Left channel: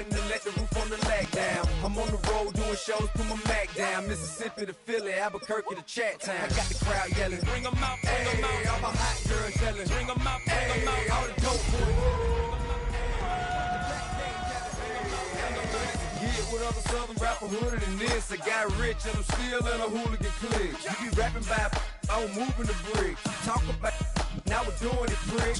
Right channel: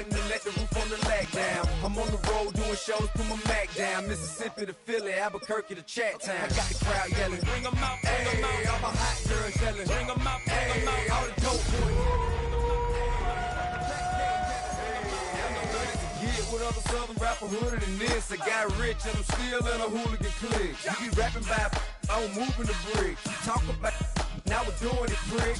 button and let the roof on the lag down. I'm on the road doing shows, put my Mac down. Mississippi to Philly, Albuquerque to Chat Town. I got the crowd yelling, bring 'em out, bring 'em out. All my hot girls yelling, bring 'em out, bring 'em out. All the dope boys. Get with other southern rapper hooded than this. I got rich and I'm still in a hooligan clique. You be rapping by, I'm moving the bricks. You talk about, now we're doing it, prick.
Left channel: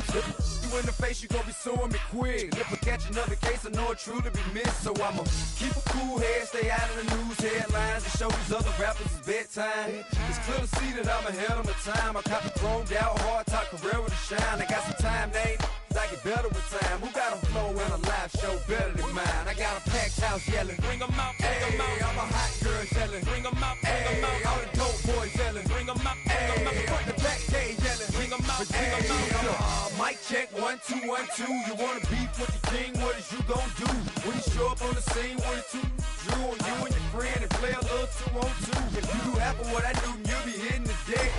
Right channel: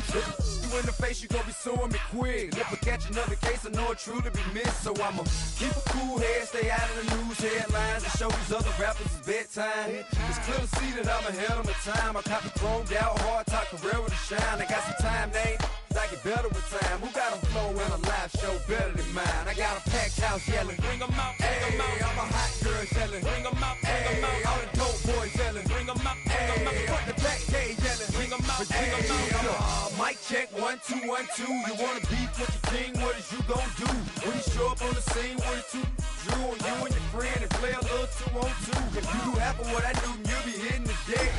You in the face, you gon' be suing me quick. If I catch another case, I know it truly be missed. So I'ma keep a cool head, stay out of the news headlines, and show these other rappers it's bedtime. It's clear to see that I'm ahead of my time. I copy chromed out, hard top career with a shine. I got some time, name. I get better with time. Who got a flow and a live show better than mine? I got a packed house yelling, bring 'em out, bring 'em out. All my hot girls yelling, bring 'em out, bring 'em out. All the dope boys yelling, bring 'em out, bring 'em out. Put the back day yelling, bring 'em out, bring 'em out. Mic check, 1 2 1 2. You wanna beef with your king? What is you gon' do when you show up on the scene with a two drew on you and your friend and play a little 2 on 2? If you do half of what I do, you'll be hitting the deck.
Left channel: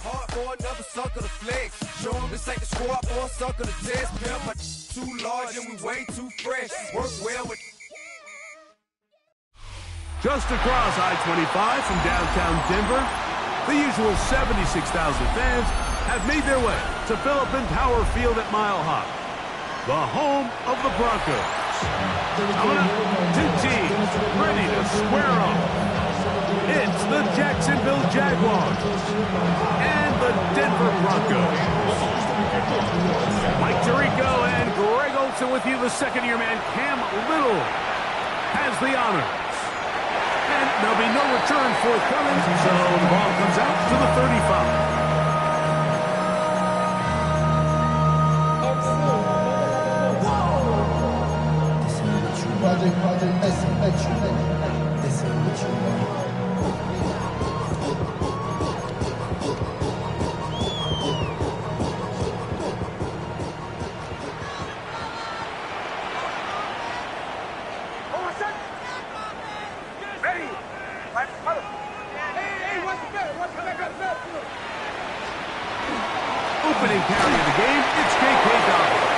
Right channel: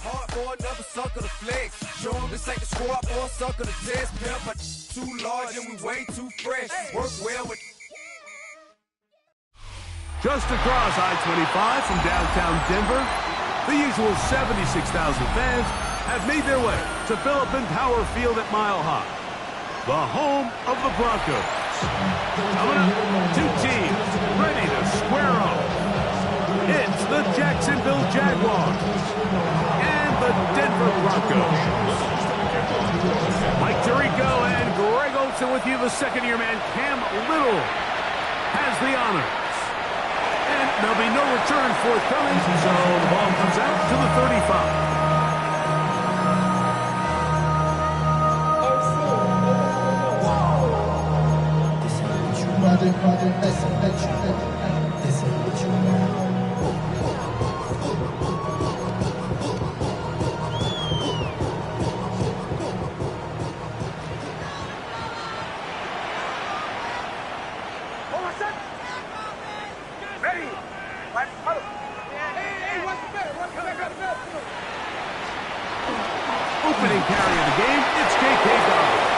Hard for another sucker to flex. Show 'em this ain't the squad for a sucker to test. Pimp, but too large and we way too fresh. Work well with. Just across I-25 from downtown Denver, the usual 76,000 fans have made their way to Philippine Power Field at Mile High, the home of the Broncos. Coming up, two teams ready to square off. It's the Jacksonville Jaguars and the Denver Broncos. Mike Tirico and Greg Olson with you. The second-year man, Cam Little, has the honors. And there'll be no return forthcoming, so the ball comes out to the 35. Project, this is what you want. Ready? Hey, what's the bet? Opening carry of the game, it's J.K. Dobbins.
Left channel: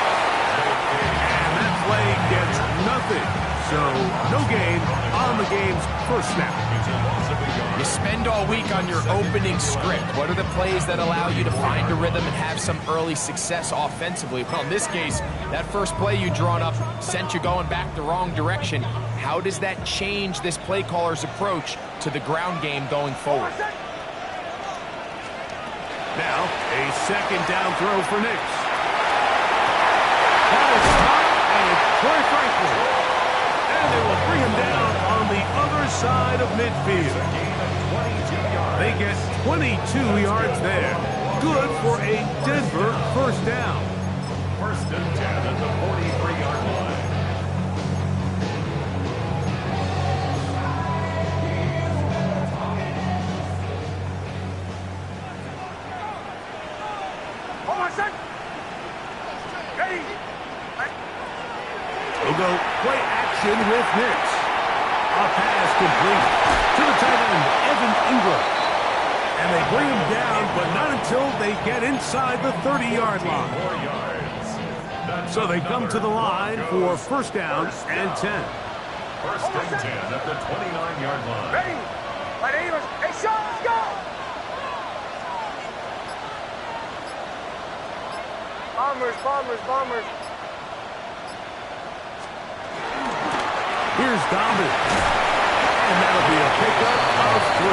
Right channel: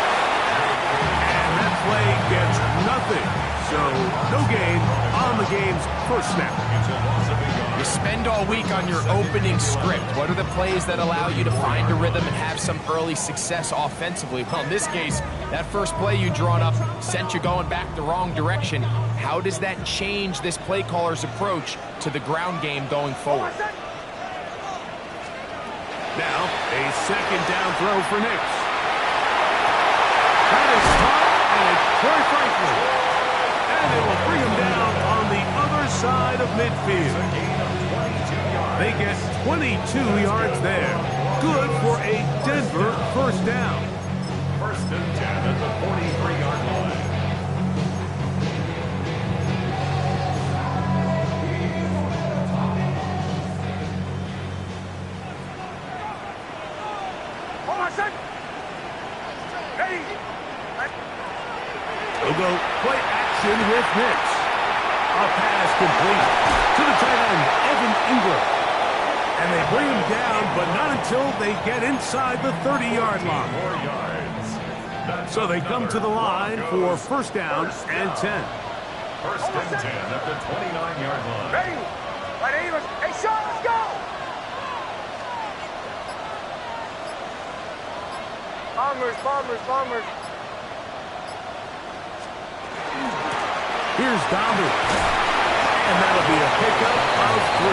And that play gets nothing. So, no gain on the game's first snap. You spend all week on your opening script. What are the plays that allow you to find a rhythm and have some early success offensively? Well, in this case, that first play you drawn up sent you going back the wrong direction. How does that change this play caller's approach to the ground game going forward? Now, a second down throw for Nix. That is caught, and it's Troy Franklin. And they will bring him down on the other side of midfield. They get 22 yards there. Good for a Denver first down. First and 10 at the 43-yard line. Togo play action with Nix. A pass complete to the tight end, Evan Ingram. And they bring him down, but not until they get inside the 30-yard line. 4 yards. So they come to the line for first down and 10. First and 10 at the 29-yard line. Ready? Hey, Sean, let's go! Bombers. Here's Dobbins. And that'll be a pickup of 3.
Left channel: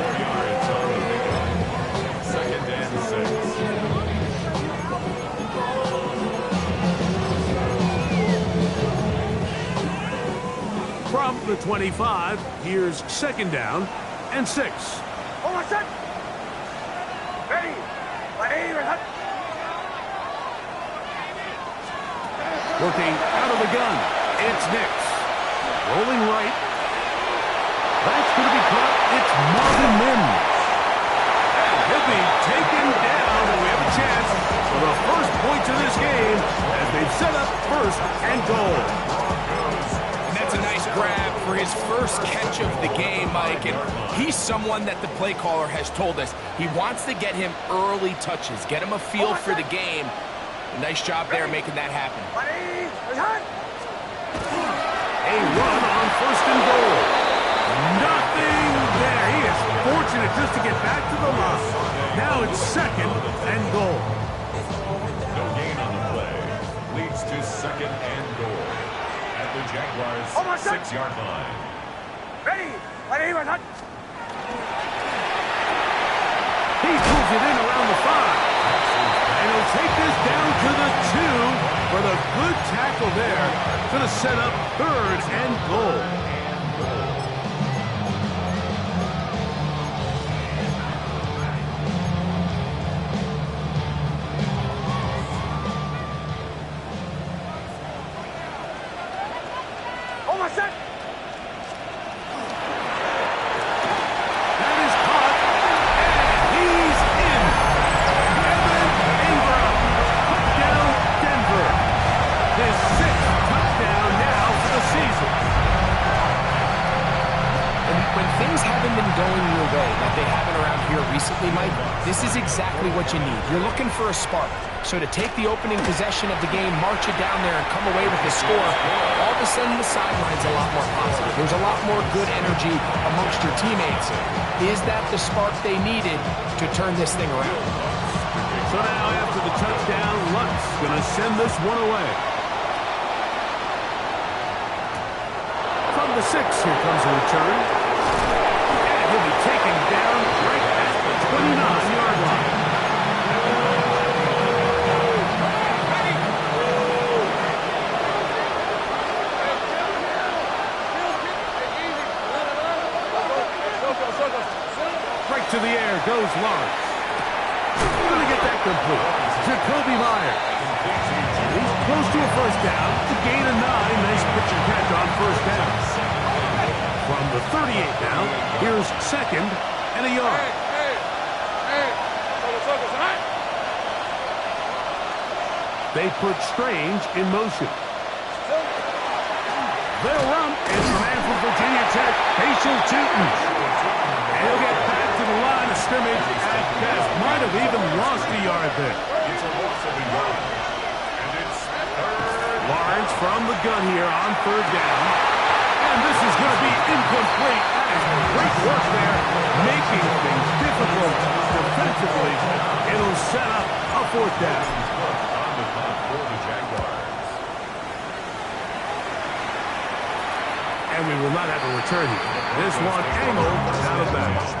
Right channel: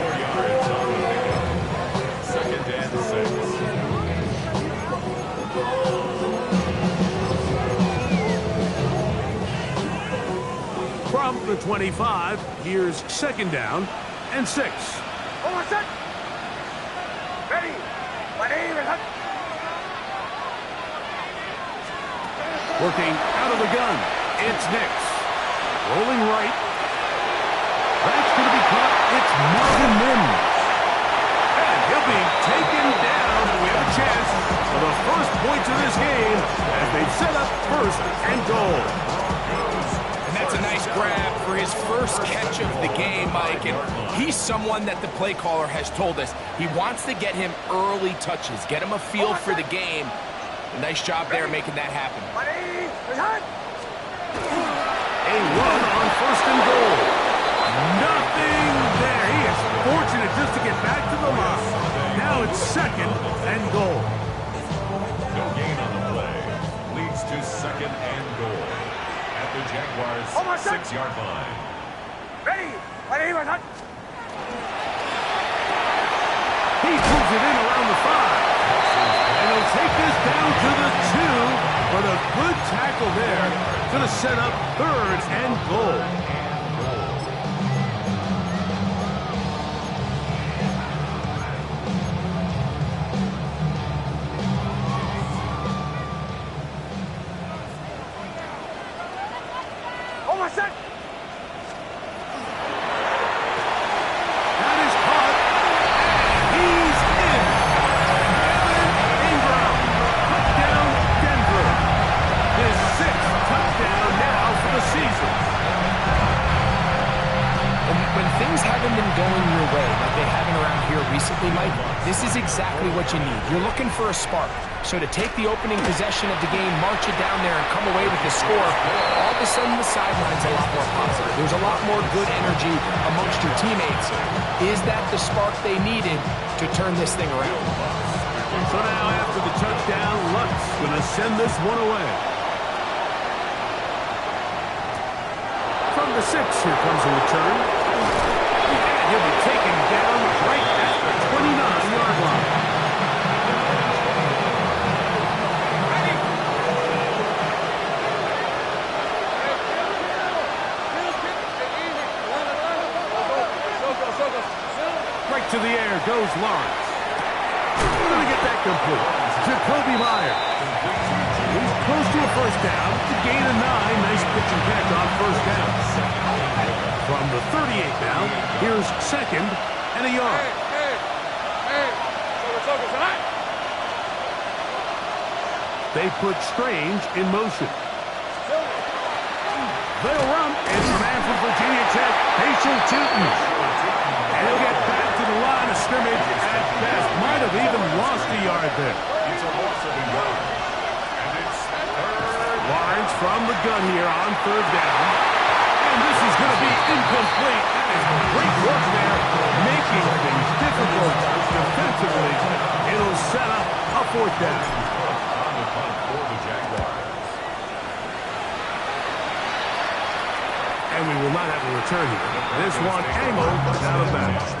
4 yards on the pickup. Second and 6. From the 25, here's second down and 6. Ready? Working out of the gun, it's Nix. Rolling right. That's going to be caught. It's Marvin Mims. And he'll be taken down, and we have a chance for the first points of this game as they've set up first and goal. And That's a nice grab for his first catch of the game, Mike. And he's someone that the play caller has told us he wants to get him early touches, get him a feel for the game. Nice job there making that happen. A run on 1st and goal. Nothing there. He is fortunate just to get back to the line. Now it's 2nd and goal. No gain on the play. Leads to 2nd and goal at the Jaguars' 6-yard line. Ready? He pulls it in around the 5. And he'll take this down to the 2 with a good tackle there. Going to set up 3rd and goal. That is caught, and he's in. Evan Ingram, touchdown Denver. His 6th touchdown now for the season. And when things haven't been going your way like they haven't around here recently, Mike, this is exactly what you need. You're looking for a spark. So to take the opening possession of the game, march it down there, and come away with the score, all of a sudden the sideline's a lot more positive. There's a lot more good energy amongst your teammates. Is that the spark they needed to turn this thing around? So now after the touchdown, Lutz going to send this one away. From the 6, here comes a return. And he'll be taken down right at the 29-yard line. Right to the air goes Lawrence. Going to get that complete. Jacoby Myers. He's close to a 1st down. To gain a 9. Nice pitch and catch on 1st down. From the 38 now, here's 2nd and a yard. They put Strange in motion. They'll run. It's the man from Virginia Tech, Facial Tootin. And he'll get back to the line of scrimmage at best. Might have even lost a yard there. It's a loss of a yard. And it's 3rd. Lawrence from the gun here on 3rd down. And this is going to be incomplete. That is great work there, making things difficult defensively. It'll set up a 4th down. On the punt for the Jaguars. And we will not have a return here. This one angled out of bounds.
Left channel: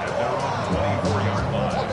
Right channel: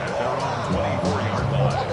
At their own 24-yard line.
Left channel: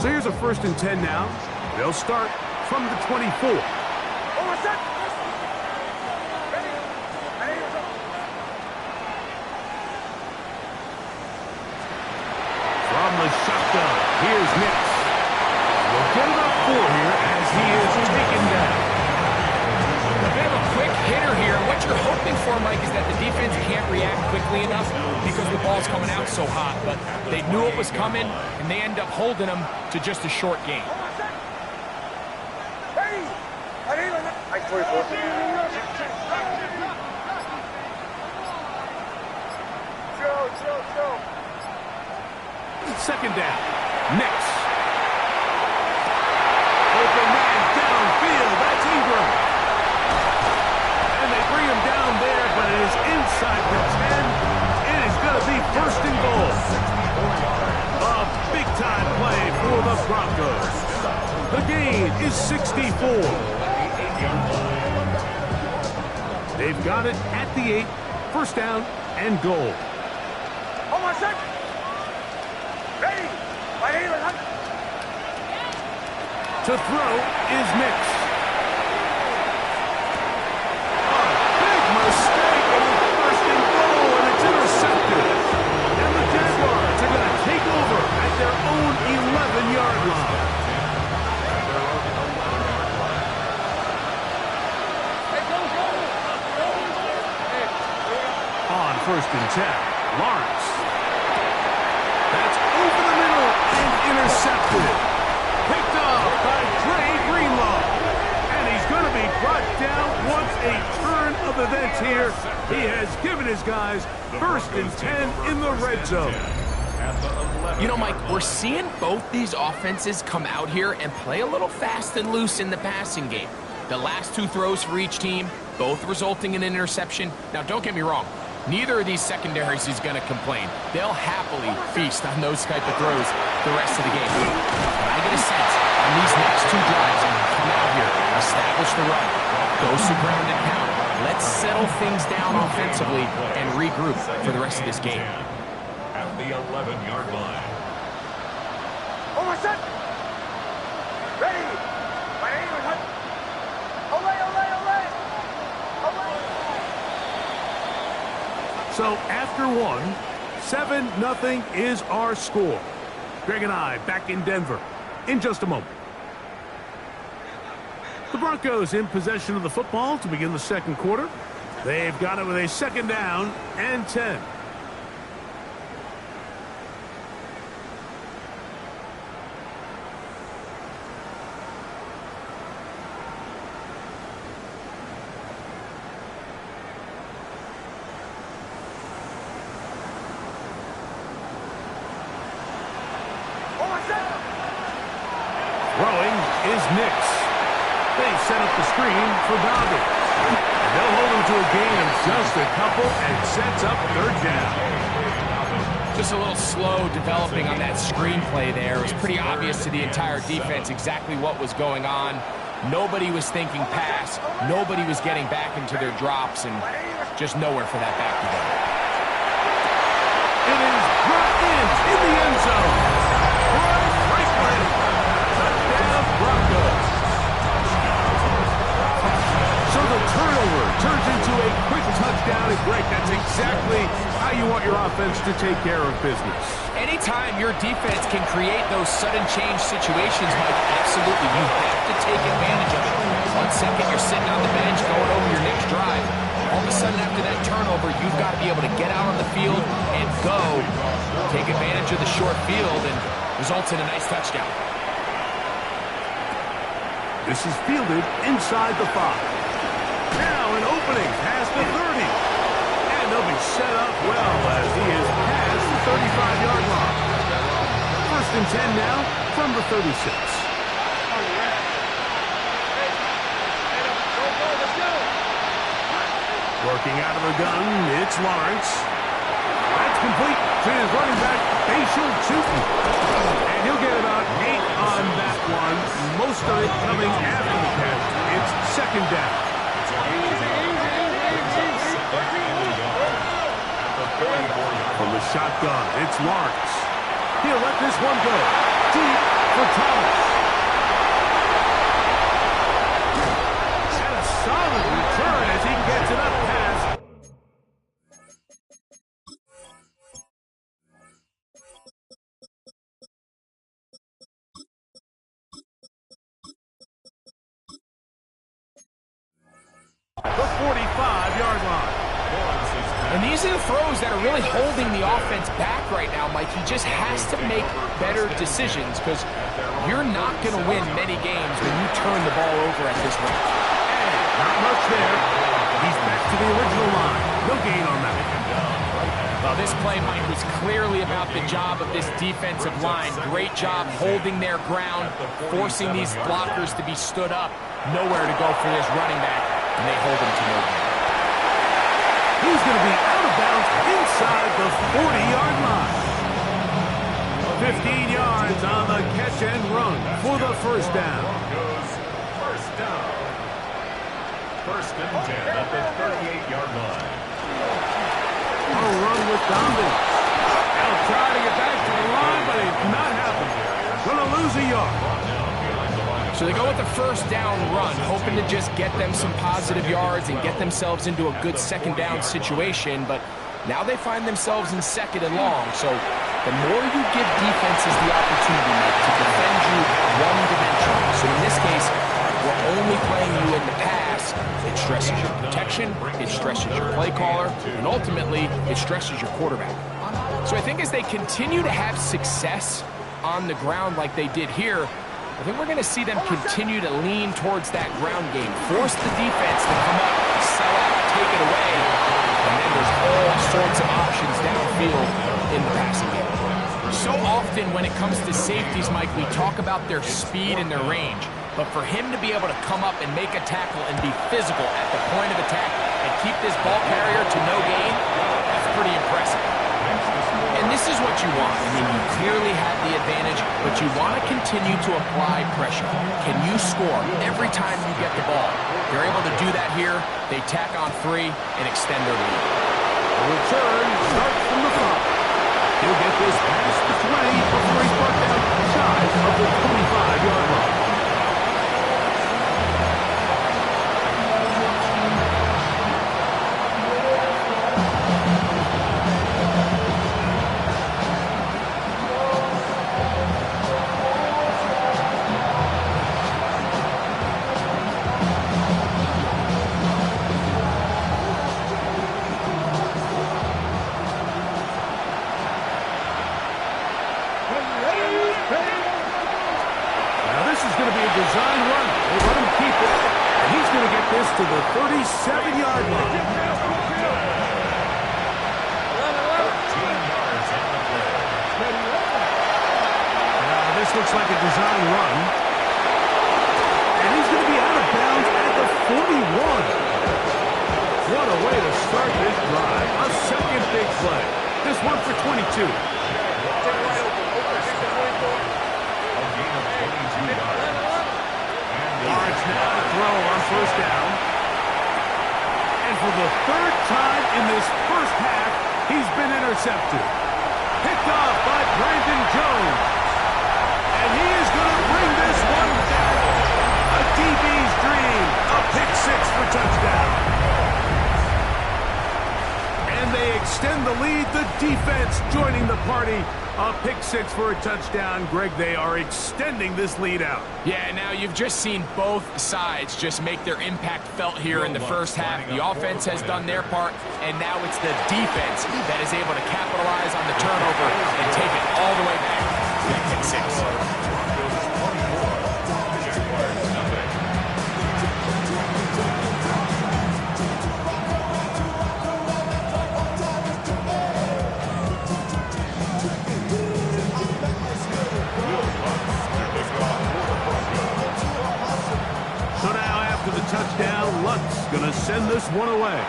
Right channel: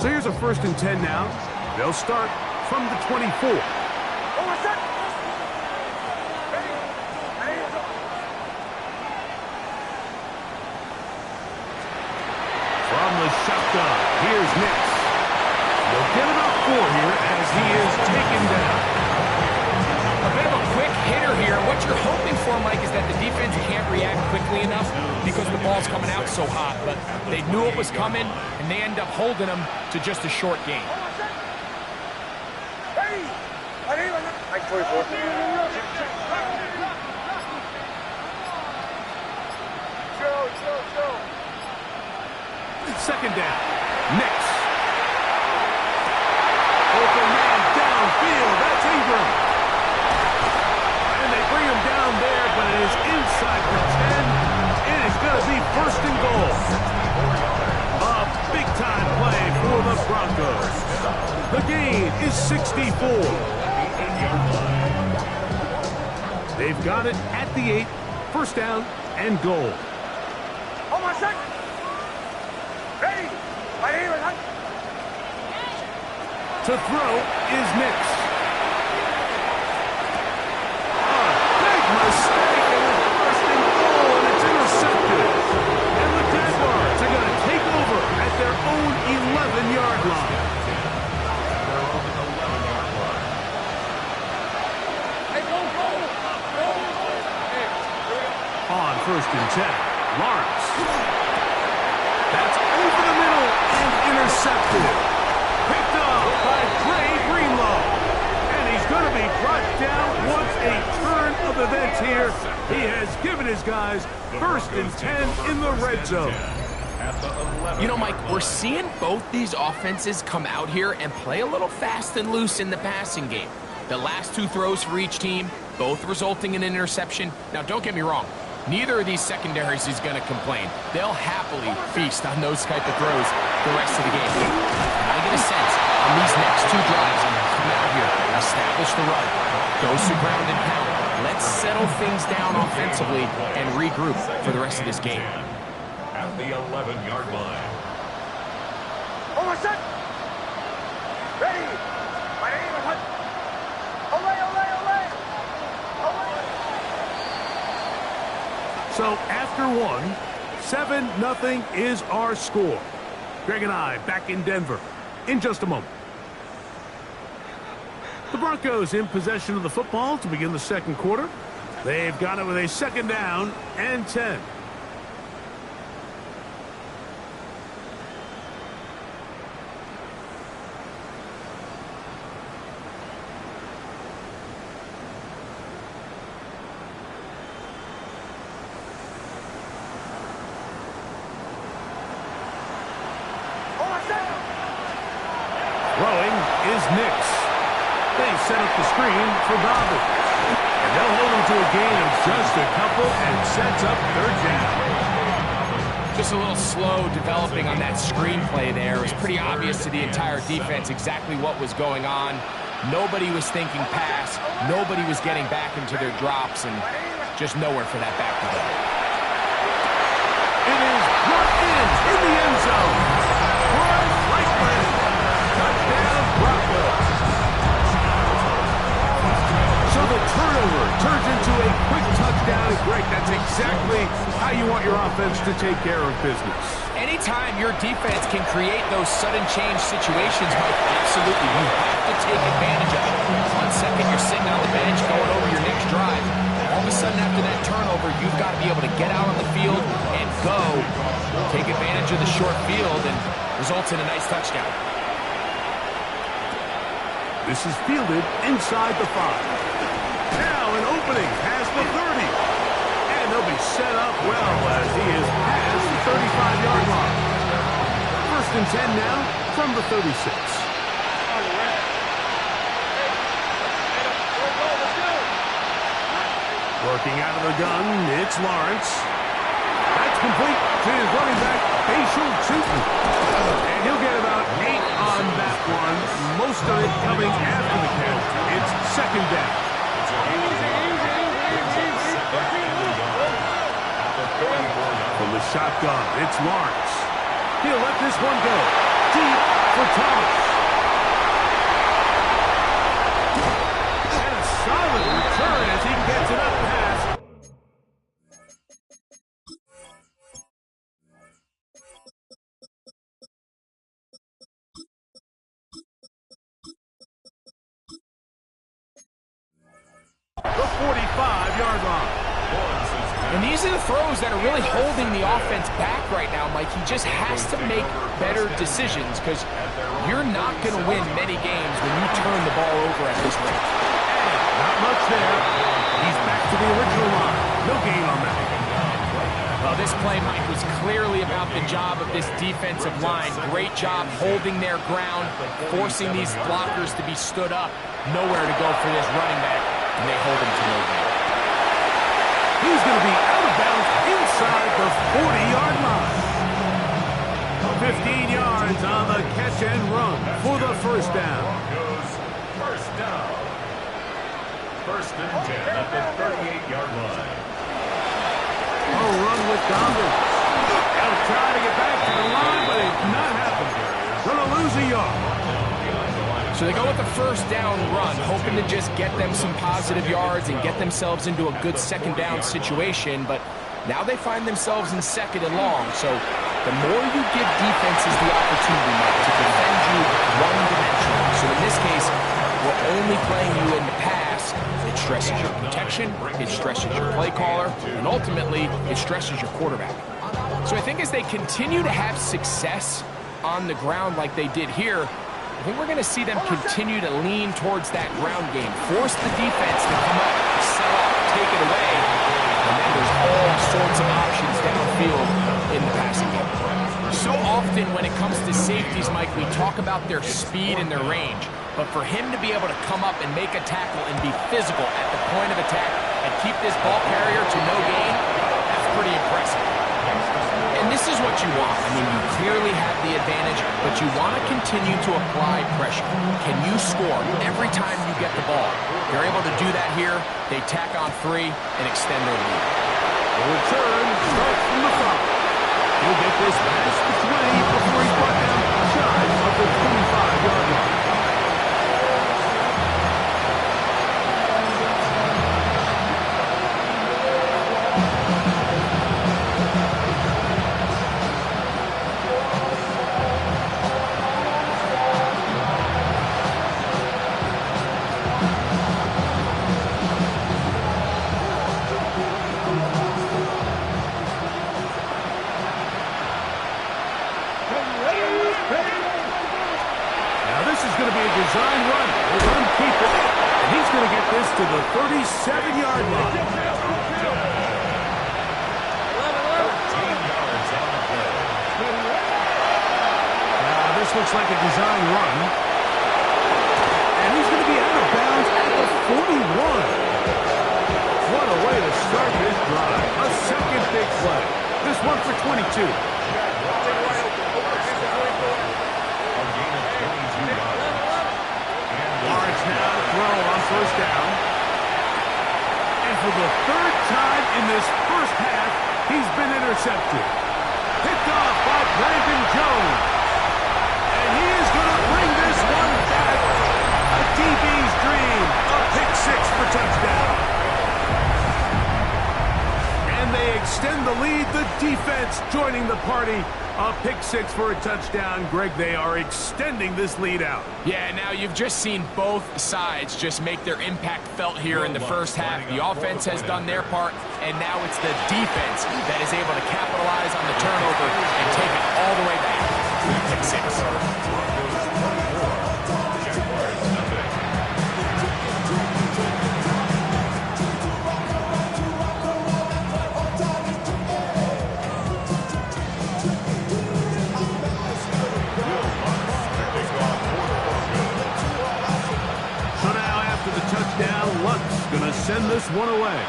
So here's a 1st and 10 now. They'll start from the 24. From the shotgun, here's Nix. We'll get about 4 here as he is taken down. A bit of a quick hitter here. What you're hoping for, Mike, is that the defense can't react quickly enough because the ball's coming out so hot. But they knew it was coming, and they end up holding them to just a short gain. Nice 44. Chill. 2nd down. Nix. Open man downfield. That's Ingram. And they bring him down there, but it is inside the 10. It is going to be The gain is 64. They've got it at the 8. First down and goal. Hold on, set. Ready. Right here, right. To throw is Nix. A big mistake, and it's first and goal, and it's intercepted. And the Jaguars are going to take over at their own 11-yard line. On first and 10, Lawrence. That's over the middle and intercepted. Picked up by Trey Greenlaw. And he's going to be brought down once a turn of events here. He has given his guys first and 10 in the red zone. You know, Mike, we're seeing both these offenses come out here and play a little fast and loose in the passing game. The last 2 throws for each team, both resulting in an interception. Now, don't get me wrong. Neither of these secondaries is going to complain. They'll happily feast on those type of throws the rest of the game. And I get a sense on these next 2 drives, come out here, establish the run, go some ground and pound. Let's settle things down offensively and regroup for the rest of this game. At the 11-yard line. Hold on, set. Ready. Right here, right. Olay, olay, olay. Olay. So after 1, 7-0 is our score. Greg and I back in Denver in just a moment. The Broncos in possession of the football to begin the second quarter. They've got it with a second down and 10. Throwing is Nix. They set up the screen for Dobbins. And they'll hold him to a gain of just a couple and sets up third down. Just a little slow developing on that screenplay there. It was pretty obvious to the entire defense exactly what was going on. Nobody was thinking pass. Nobody was getting back into their drops, and just nowhere for that back to go. It is brought in the end zone. Brian Franklin. Touchdown, Broncos. So the turnover turns into a quick touchdown, and Greg, that's exactly how you want your offense to take care of business. Anytime your defense can create those sudden change situations, Mike, absolutely, you have to take advantage of it. 1 second, you're sitting on the bench going over your next drive. All of a sudden, after that turnover, you've got to be able to get out on the field and go. Take advantage of the short field, and results in a nice touchdown. This is fielded inside the 5. Now an opening past the 30. And they'll be set up well as he is past the 35-yard line. First and 10 now from the 36. Working out of the gun, it's Lawrence. That's complete to his running back, Bashal Tootin. And he'll get about 8 on that one, most of it coming after the catch. It's second down. From the shotgun, it's Lawrence. He'll let this one go. Deep for Thomas. And a solid return as he gets it up past. The 45-yard line. And these are the throws that are really holding the offense back right now, Mike. He just has to make better decisions because you're not going to win many games when you turn the ball over at this rate. And not much there. He's back to the original line. No gain on that. Well, this play, Mike, was clearly about the job of this defensive line. Great job holding their ground, forcing these blockers to be stood up. Nowhere to go for this running back, and they hold him to no gain. He's going to be out of bounds inside the 40-yard line. 15 yards on the catch and run for the first down. Broncos, first down. First and 10 at the 38-yard line. A run with Dobbins. They'll try to get back to the line, but it's not happening. Going to lose a yard. So they go with the first down run, hoping to just get them some positive yards and get themselves into a good second down situation, but now they find themselves in second and long. So the more you give defenses the opportunity, Mike, to defend you one-dimensionally. So in this case, we're only playing you in the pass. It stresses your protection, it stresses your play caller, and ultimately, it stresses your quarterback. So I think as they continue to have success on the ground like they did here, I think we're going to see them continue to lean towards that ground game, force the defense to come up, sell out, take it away, and then there's all sorts of options downfield in the passing game. So often when it comes to safeties, Mike, we talk about their speed and their range. But for him to be able to come up and make a tackle and be physical at the point of attack and keep this ball carrier to no gain, that's pretty impressive. And this is what you want. I mean, you clearly have the advantage, but you want to continue to apply pressure. Can you score every time you get the ball? They're able to do that here. They tack on 3 and extend their lead. The return starts from the 5. He'll get this past the 20 before he's brought down shy of the 25-yard line. Design run. They let him keep it, and he's going to get this to the 37-yard line. 13 yards on the play. Now, this looks like a design run, and he's going to be out of bounds at the 41. What a way to start this drive. A second big play. This one for 22. A gain of 22 yards. Lawrence now to throw on first down. And for the third time in this first half, he's been intercepted. Picked off by Brandon Jones. And he is going to bring this one back. A DB's dream. A pick 6 for touchdown. And they extend the lead. The defense joining the party. A pick 6 for a touchdown. Greg, they are extending this lead out. Yeah, now you've just seen both sides just make their impact felt here in the first half. The offense has done their part, and now it's the defense that is able to capitalize on the turnover and take it all the way back to the pick 6. Broncos 24, Jaguars nothing. Touchdown, Lutz gonna send this one away.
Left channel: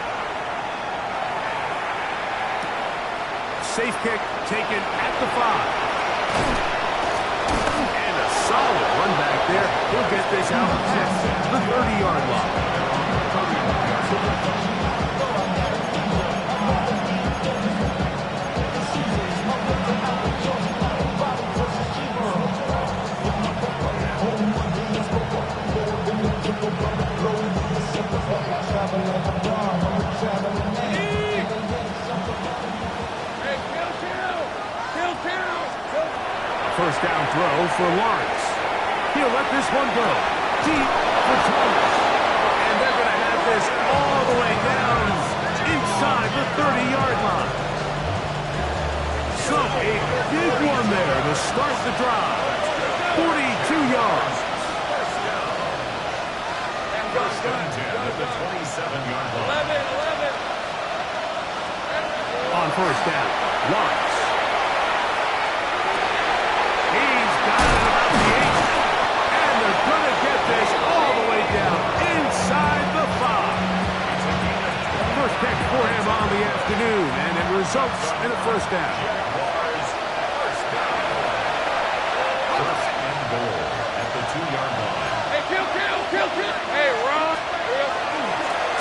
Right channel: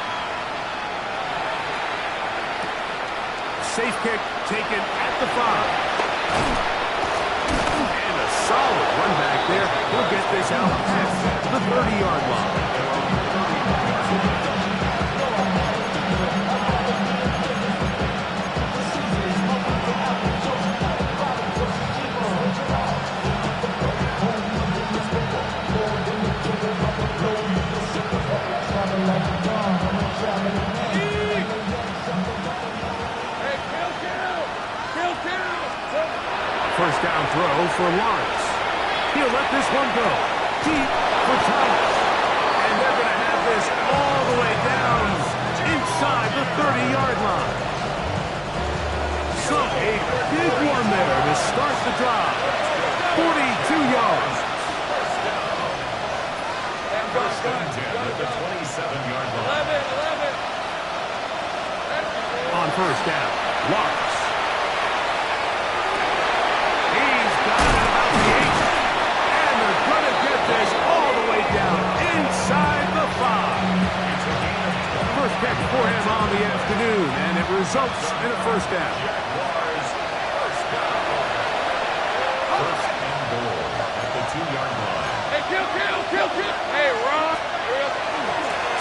Safe kick taken at the 5. And a solid run back there. He'll get this out at the 30-yard line. First down throw for Lawrence. He'll let this one go. Deep for Thomas. And they're going to have this all the way down inside the 30-yard line. So a big one there to start the drive. 42 yards. First and 10 at the 27-yard line. 11. On first down, Lawrence. He's got it at about the 8. And they're going to get this all the way down inside the 5. It's a gain of 20. First pick for him on the afternoon, and it results in a first down. Jaguars first down. 2-yard line. Hey, kill. Hey, Ron.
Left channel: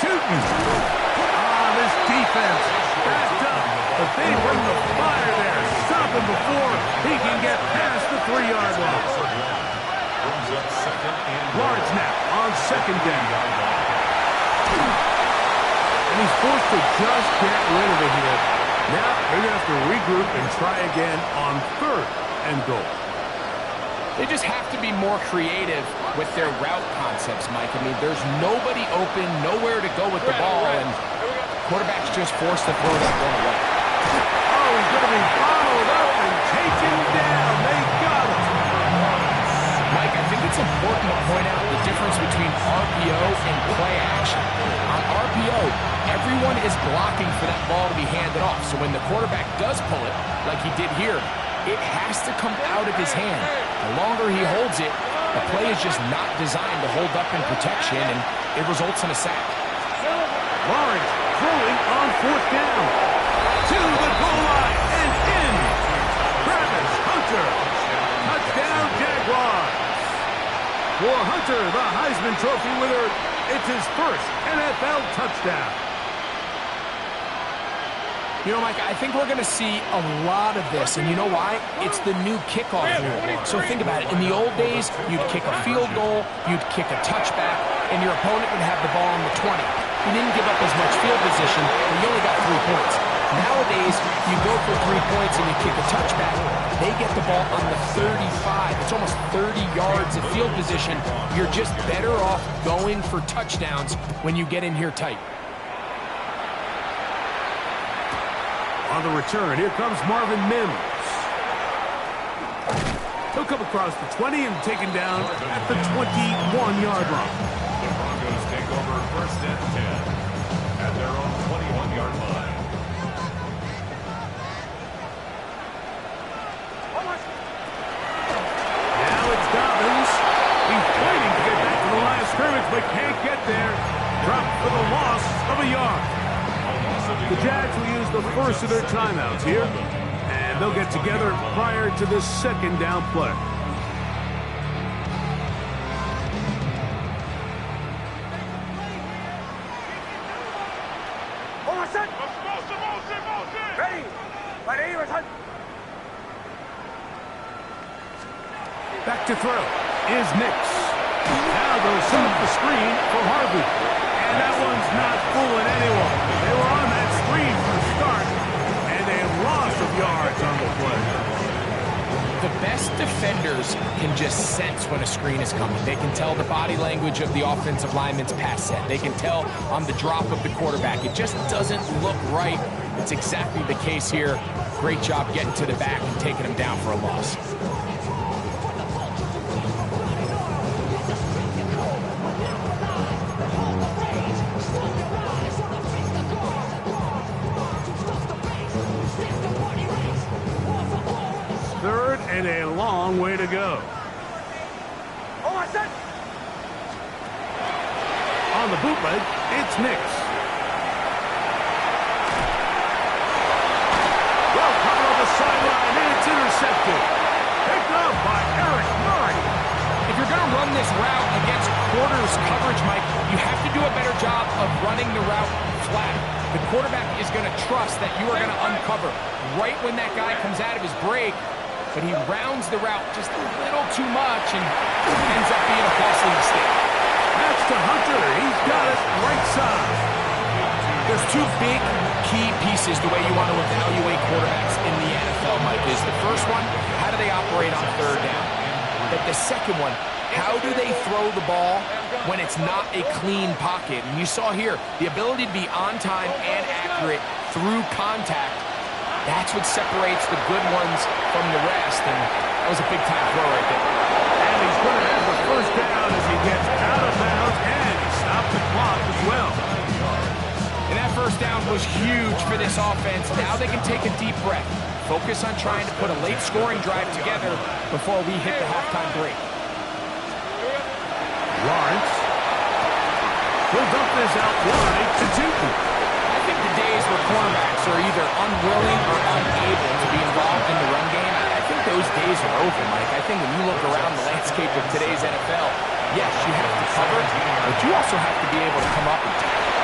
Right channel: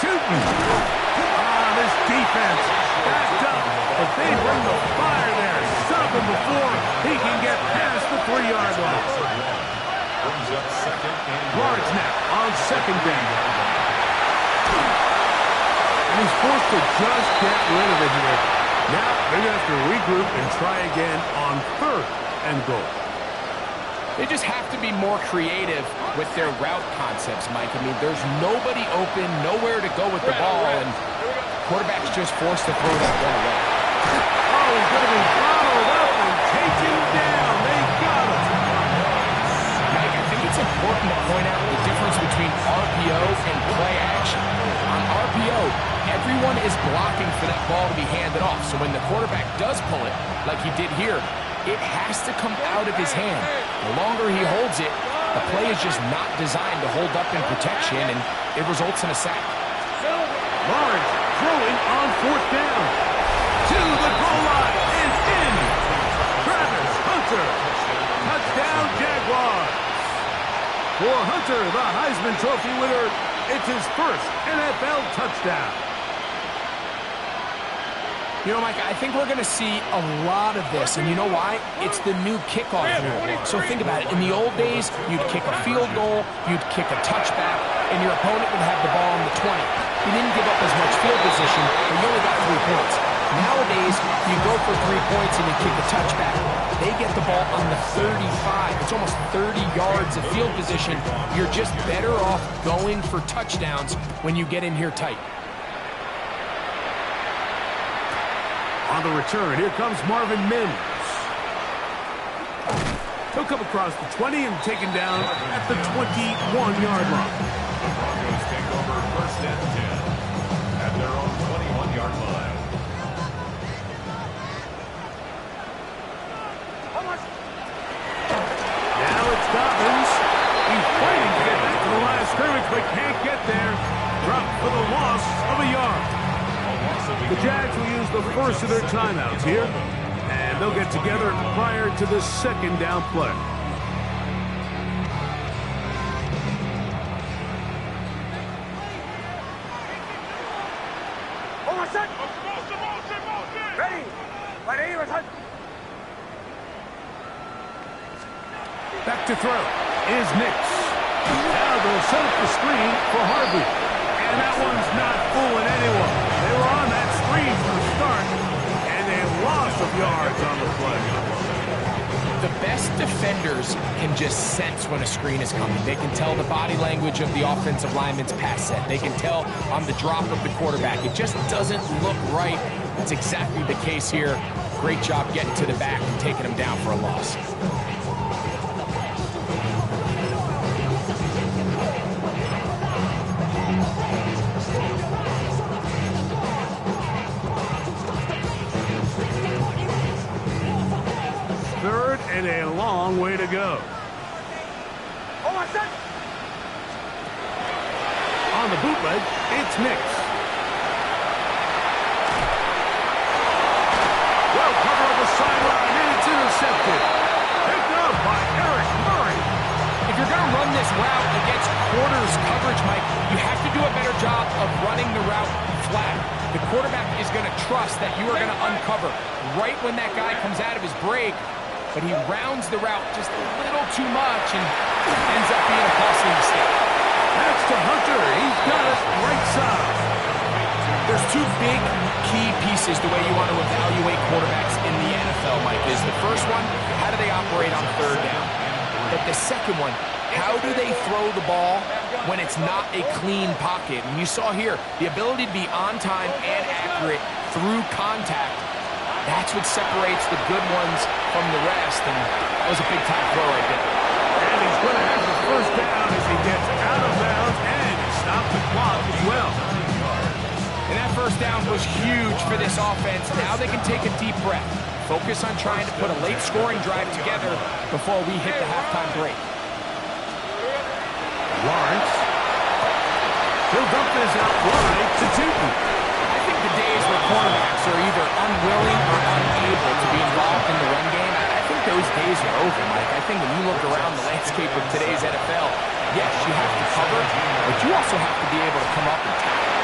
Shooting. This defense backed up, but they bring the fire there. Stop him before he can get past the 3-yard line. Brings up second and Lawrence now on second down. And he's forced to just get rid of it here. Now they're going to have to regroup and try again on third and goal. They just have to be more creative with their route concepts, Mike. I mean, there's nobody open, nowhere to go with the ball, and quarterback's just forced to throw that one away. Oh, he's going to be bottled up and taken down. They got him. Mike, I think it's important to point out the difference between RPO and play action. On RPO, everyone is blocking for that ball to be handed off. So when the quarterback does pull it, like he did here, it has to come out of his hand. The longer he holds it, the play is just not designed to hold up in protection, and it results in a sack. Lawrence throwing on fourth down. To the goal line and in. Travis Hunter. Touchdown, Jaguars. For Hunter, the Heisman Trophy winner, it's his first NFL touchdown. You know, Mike, I think we're going to see a lot of this, and you know why? It's the new kickoff rule. So think about it. In the old days, you'd kick a field goal, you'd kick a touchback, and your opponent would have the ball on the 20. You didn't give up as much field position, but you only got 3 points. Nowadays, you go for 3 points and you kick a touchback. They get the ball on the 35. It's almost 30 yards of field position. You're just better off going for touchdowns when you get in here tight. On the return, here comes Marvin Mims. He'll come across the 20 and taken down at the 21-yard line. The Broncos take over first and 10 at their own 21-yard line. Now it's Dobbins. He's fighting to get back to the line of scrimmage, but can't get there. Dropped for the loss of a yard. The Jags will use the first of their timeouts here, and they'll get together prior to the second down play. Back to throw is Nix. Now they'll set up the screen for Harvey. And that one's not fooling anyone. They were on that screen from the start, and a loss of yards on the play. The best defenders can just sense when a screen is coming. They can tell the body language of the offensive lineman's pass set. They can tell on the drop of the quarterback. It just doesn't look right. It's exactly the case here. Great job getting to the back and taking him down for a loss. Third and a long way to go. On the bootleg, it's Nix. Well covered on the sideline, and it's intercepted. Picked up by Eric Murray. If you're going to run this route against quarters coverage, Mike, you have to do a better job of running the route flat. The quarterback is going to trust that you are going to uncover right when that guy comes out of his break. But he rounds the route just a little too much and ends up being a costly mistake. That's to Hunter. He's got it right side. There's 2 big key pieces the way you want to evaluate quarterbacks in the NFL, Mike. Is the first one, how do they operate on third down? But the second one, how do they throw the ball when it's not a clean pocket? And you saw here, the ability to be on time and accurate through contact. That's what separates the good ones from the rest, and that was a big-time throw right there. And he's going to have the first down as he gets out of bounds, and he stopped the clock as well. And that first down was huge for this offense. Now they can take a deep breath, focus on trying to put a late-scoring drive together before we hit the halftime break. Lawrence. He'll dump this out wide to Tootin. I think the days where cornerbacks are either unwilling or unable to be involved in the run game, I think those days are over, Mike. I think when you look around the landscape of today's NFL, yes, you have to cover, but you also have to be able to come up and tackle.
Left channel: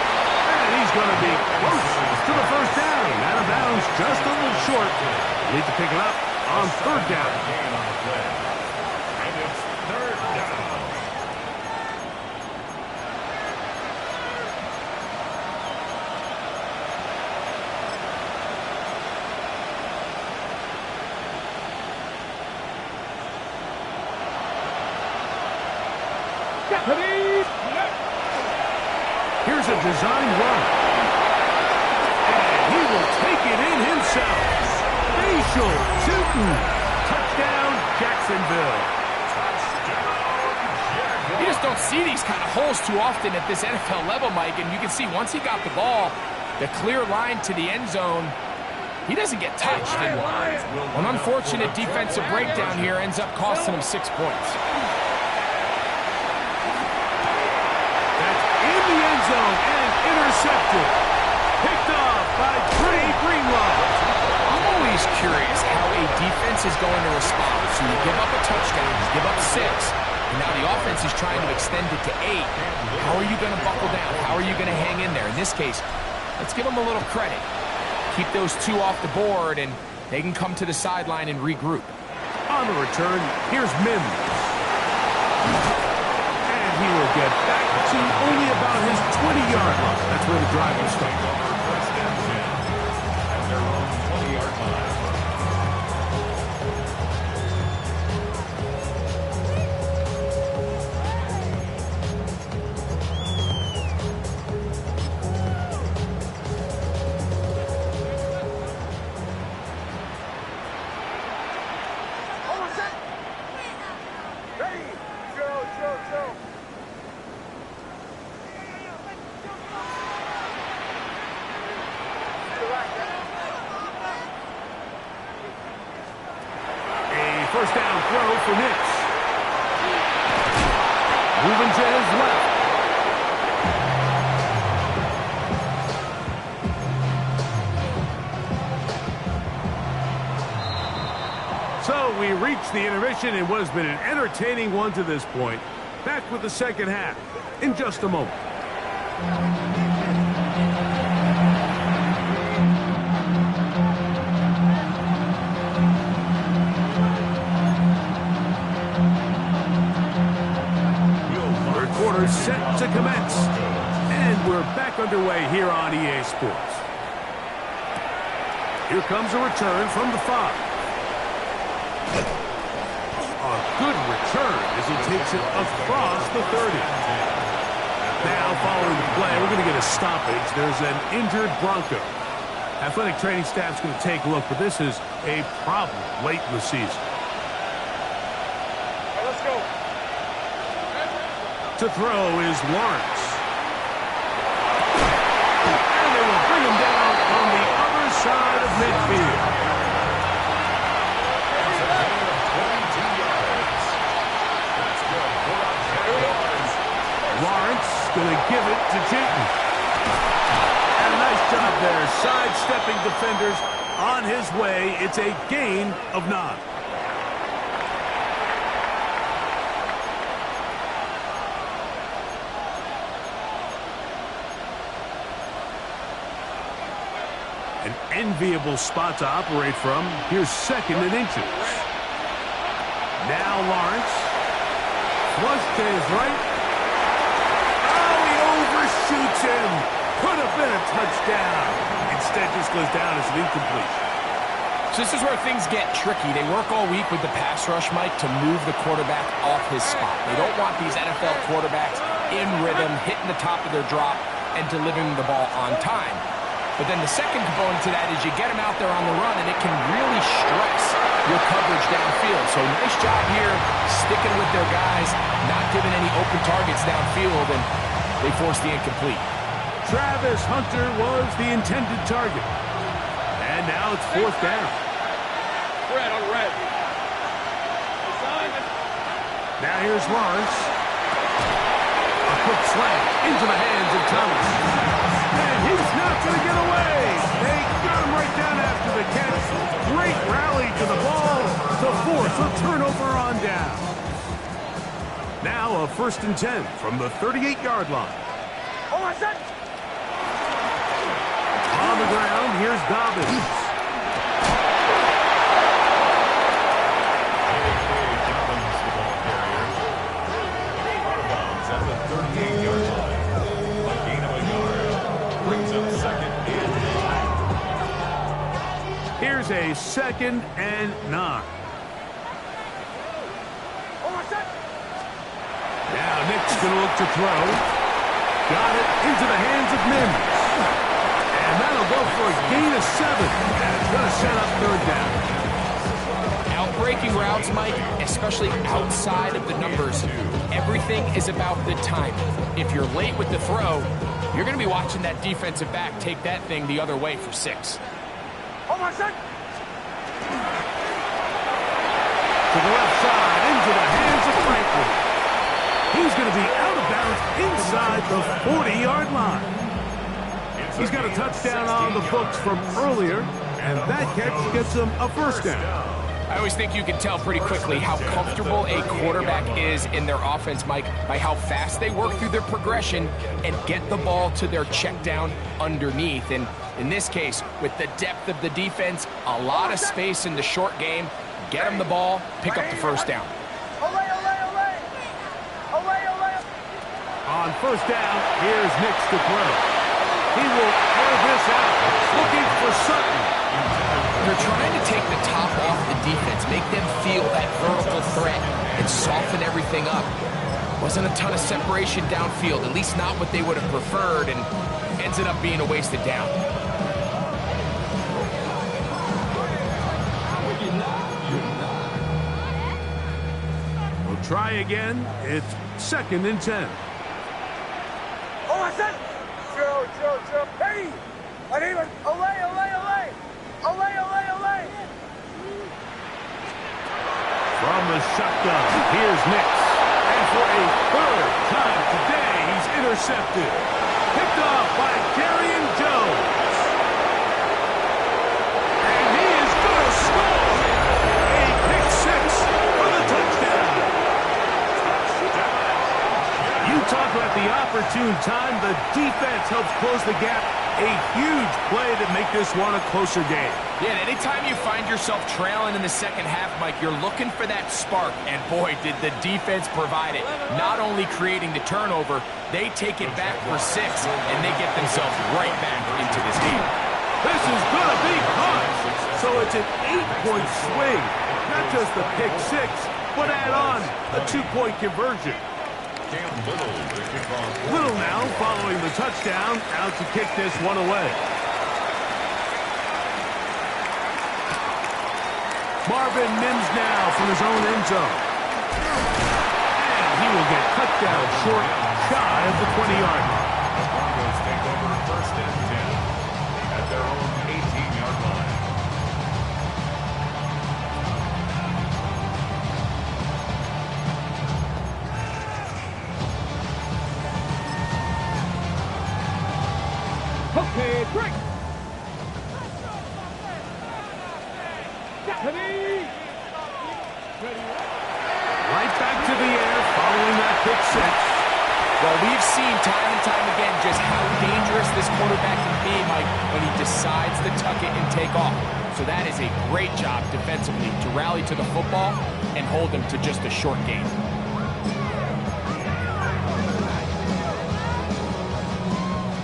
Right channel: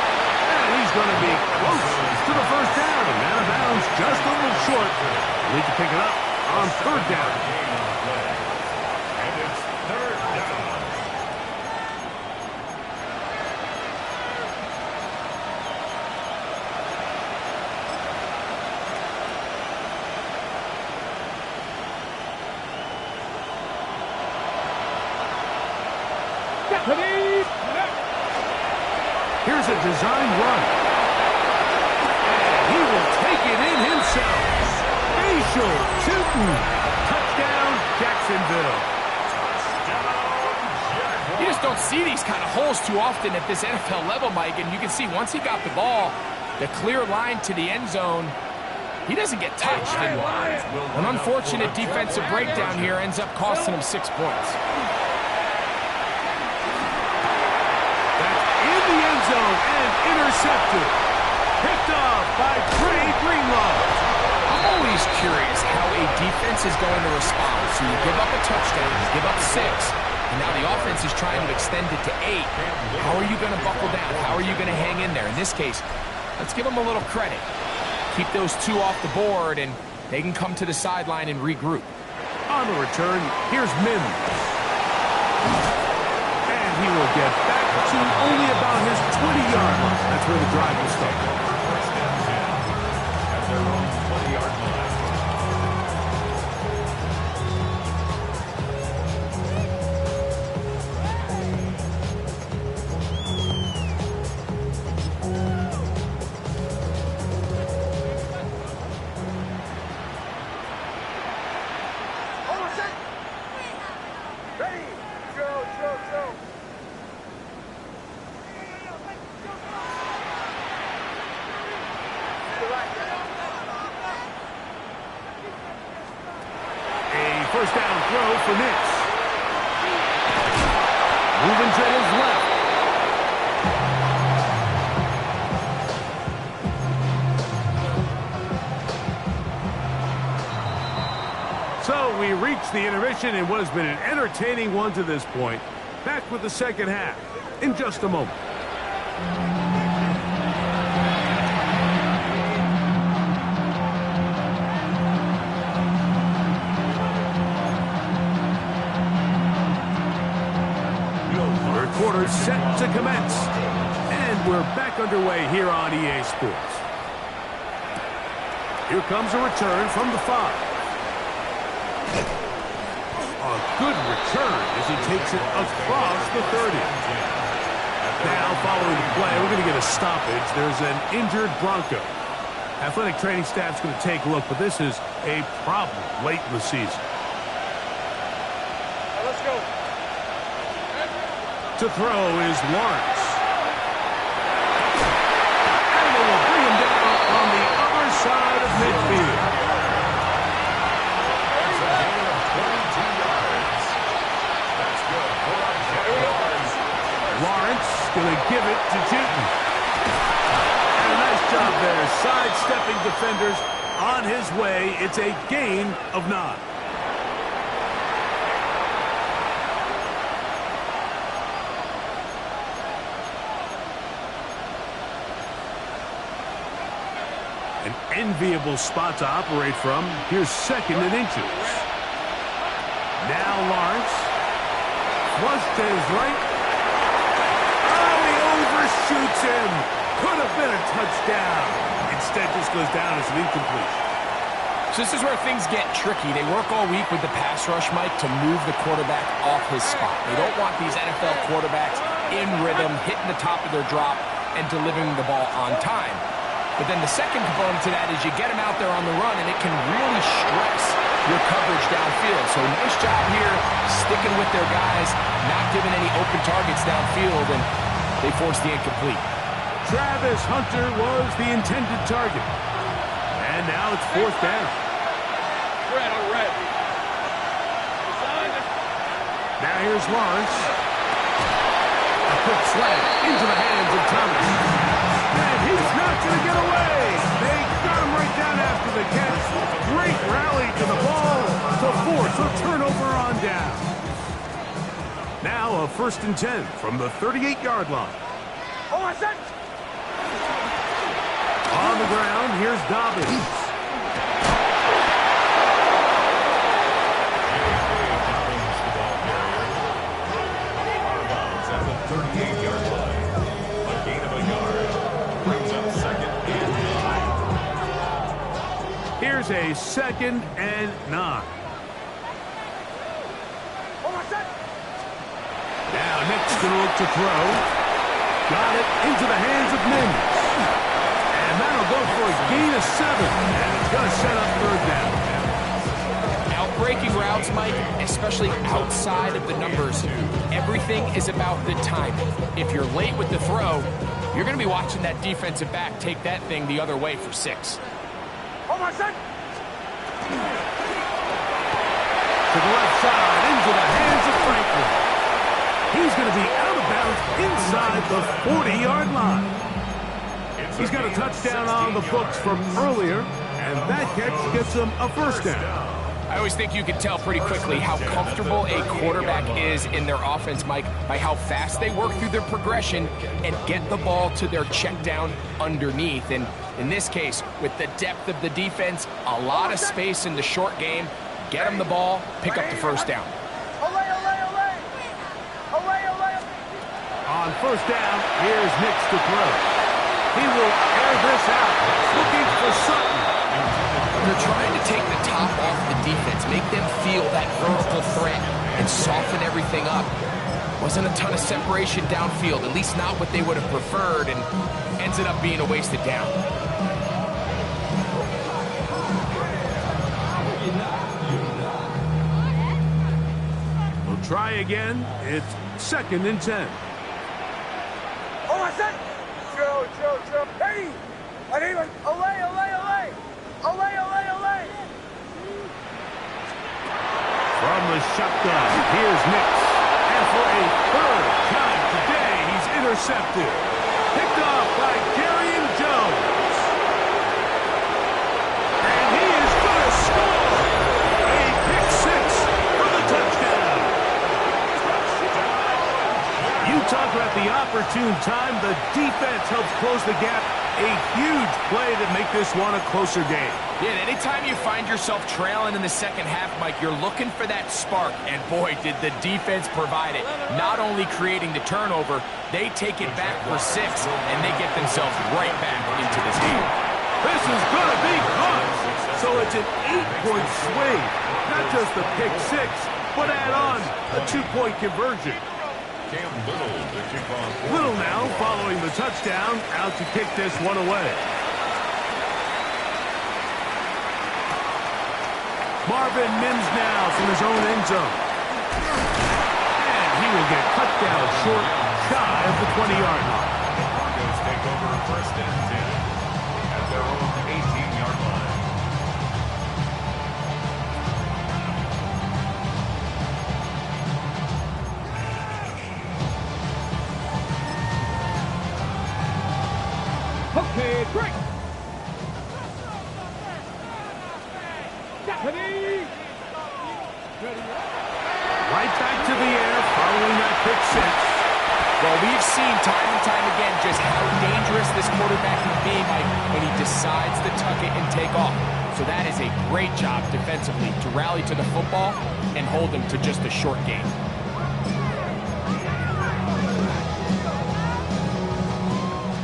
And he's going to be close to the first down. Out of bounds, just a little short. Need to pick it up on third down. And it's third down. Here's a designed run. And he will take it in himself. Facial Tootin. Touchdown, Jacksonville. You just don't see these kind of holes too often at this NFL level, Mike, and you can see once he got the ball, the clear line to the end zone, he doesn't get touched. And an unfortunate defensive breakdown here ends up costing him 6 points. In the end zone and intercepted. Picked off by Trey Greenlaw. I'm always curious how a defense is going to respond. So you give up a touchdown, you give up 6, and now the offense is trying to extend it to 8. How are you going to buckle down? How are you going to hang in there? In this case, let's give them a little credit. Keep those 2 off the board, and they can come to the sideline and regroup. On the return, here's Mims. He will get back to only about his 20-yard line. That's where the drive will start. First and 10 at their own 20-yard line. Ready? Go. A first down throw for Nix. Moving to his left. So we reach the intermission in what has been an entertaining one to this point. Back with the second half in just a moment. Third quarter set to commence. And we're back underway here on EA Sports. Here comes a return from the 5. A good return as he takes it across the 30. Now, following the play, we're going to get a stoppage. There's an injured Bronco. Athletic training staff's going to take a look, but this is a problem late in the season. All right, let's go. To throw is Lawrence. And they will bring him down on the other side of midfield. Lawrence going to give it to Tootin. And a nice job there, sidestepping defenders on his way. It's a gain of 9. An enviable spot to operate from. Here's 2nd and inches. Now Lawrence. Flush to his right. Shoots him. Could have been a touchdown. Instead, just goes down as an incompletion. So this is where things get tricky. They work all week with the pass rush, Mike, to move the quarterback off his spot. They don't want these NFL quarterbacks in rhythm, hitting the top of their drop, and delivering the ball on time. But then the second component to that is you get them out there on the run, and it can really stress your coverage downfield. So nice job here, sticking with their guys, not giving any open targets downfield, and they forced the incomplete. Travis Hunter was the intended target. And now it's 4th down. Red on red. Now here's Lawrence. A quick slant into the hands of Thomas. And he's not going to get away. They got him right down after the catch. Great rally to the ball. to force a turnover on down. Now a 1st and 10 from the 38-yard line. On my set. On the ground, here's Dobbins. Dobbins, the ball carrier. Out of bounds at the 38-yard line. A gain of a yard. Brings up 2nd and 9. Here's a 2nd and 9. On my set. Now Nick's going to look to throw. Got it into the hands of Mims. And that'll go for a gain of 7. And it's going to set up 3rd down. Outbreaking routes, Mike, especially outside of the numbers, everything is about the timing. If you're late with the throw, you're going to be watching that defensive back take that thing the other way for 6. On my set. To the left side, into the hands of Franklin. He's going to be out of bounds inside the 40-yard line. He's got a touchdown on the books from earlier, and that catch gets him a 1st down. I always think you can tell pretty quickly how comfortable a quarterback is in their offense, Mike, by how fast they work through their progression and get the ball to their check down underneath. And in this case, with the depth of the defense, a lot of space in the short game, get them the ball, pick up the 1st down. On 1st down, here's Nix to throw. He will air this out, looking for Sutton. They're trying to take the top off the defense, make them feel that vertical threat, and soften everything up. Wasn't a ton of separation downfield, at least not what they would have preferred, and ends up being a wasted down. We'll try again. It's 2nd and 10. On my set. Joe. Hey! I need one. Olay. From the shotgun, here's Nix. And for a 3rd time today, he's intercepted. Picked off by Kerryon Jones. And he is going to score. A pick 6 for the touchdown. You talk about the opportune time. The defense helps close the gap. A huge play to make this one a closer game. Yeah, and anytime you find yourself trailing in the second half, Mike, you're looking for that spark. And boy, did the defense provide it. Not only creating the turnover, they take it back for 6, and they get themselves right back into this game. This is going to be caught. So it's an 8-point swing. Not just the pick 6, but add on a 2-point conversion. Little now following the touchdown, out to kick this one away. Marvin Mims now from his own end zone. And he will get cut down short, shy of the 20-yard line. The Broncos take over 1st and 10 at their own 18-yard line. Okay, great. Right back to the air following that pick 6. Well, we've seen time and time again just how dangerous this quarterback can be, Mike, when he decides to tuck it and take off. So that is a great job defensively to rally to the football and hold him to just a short gain.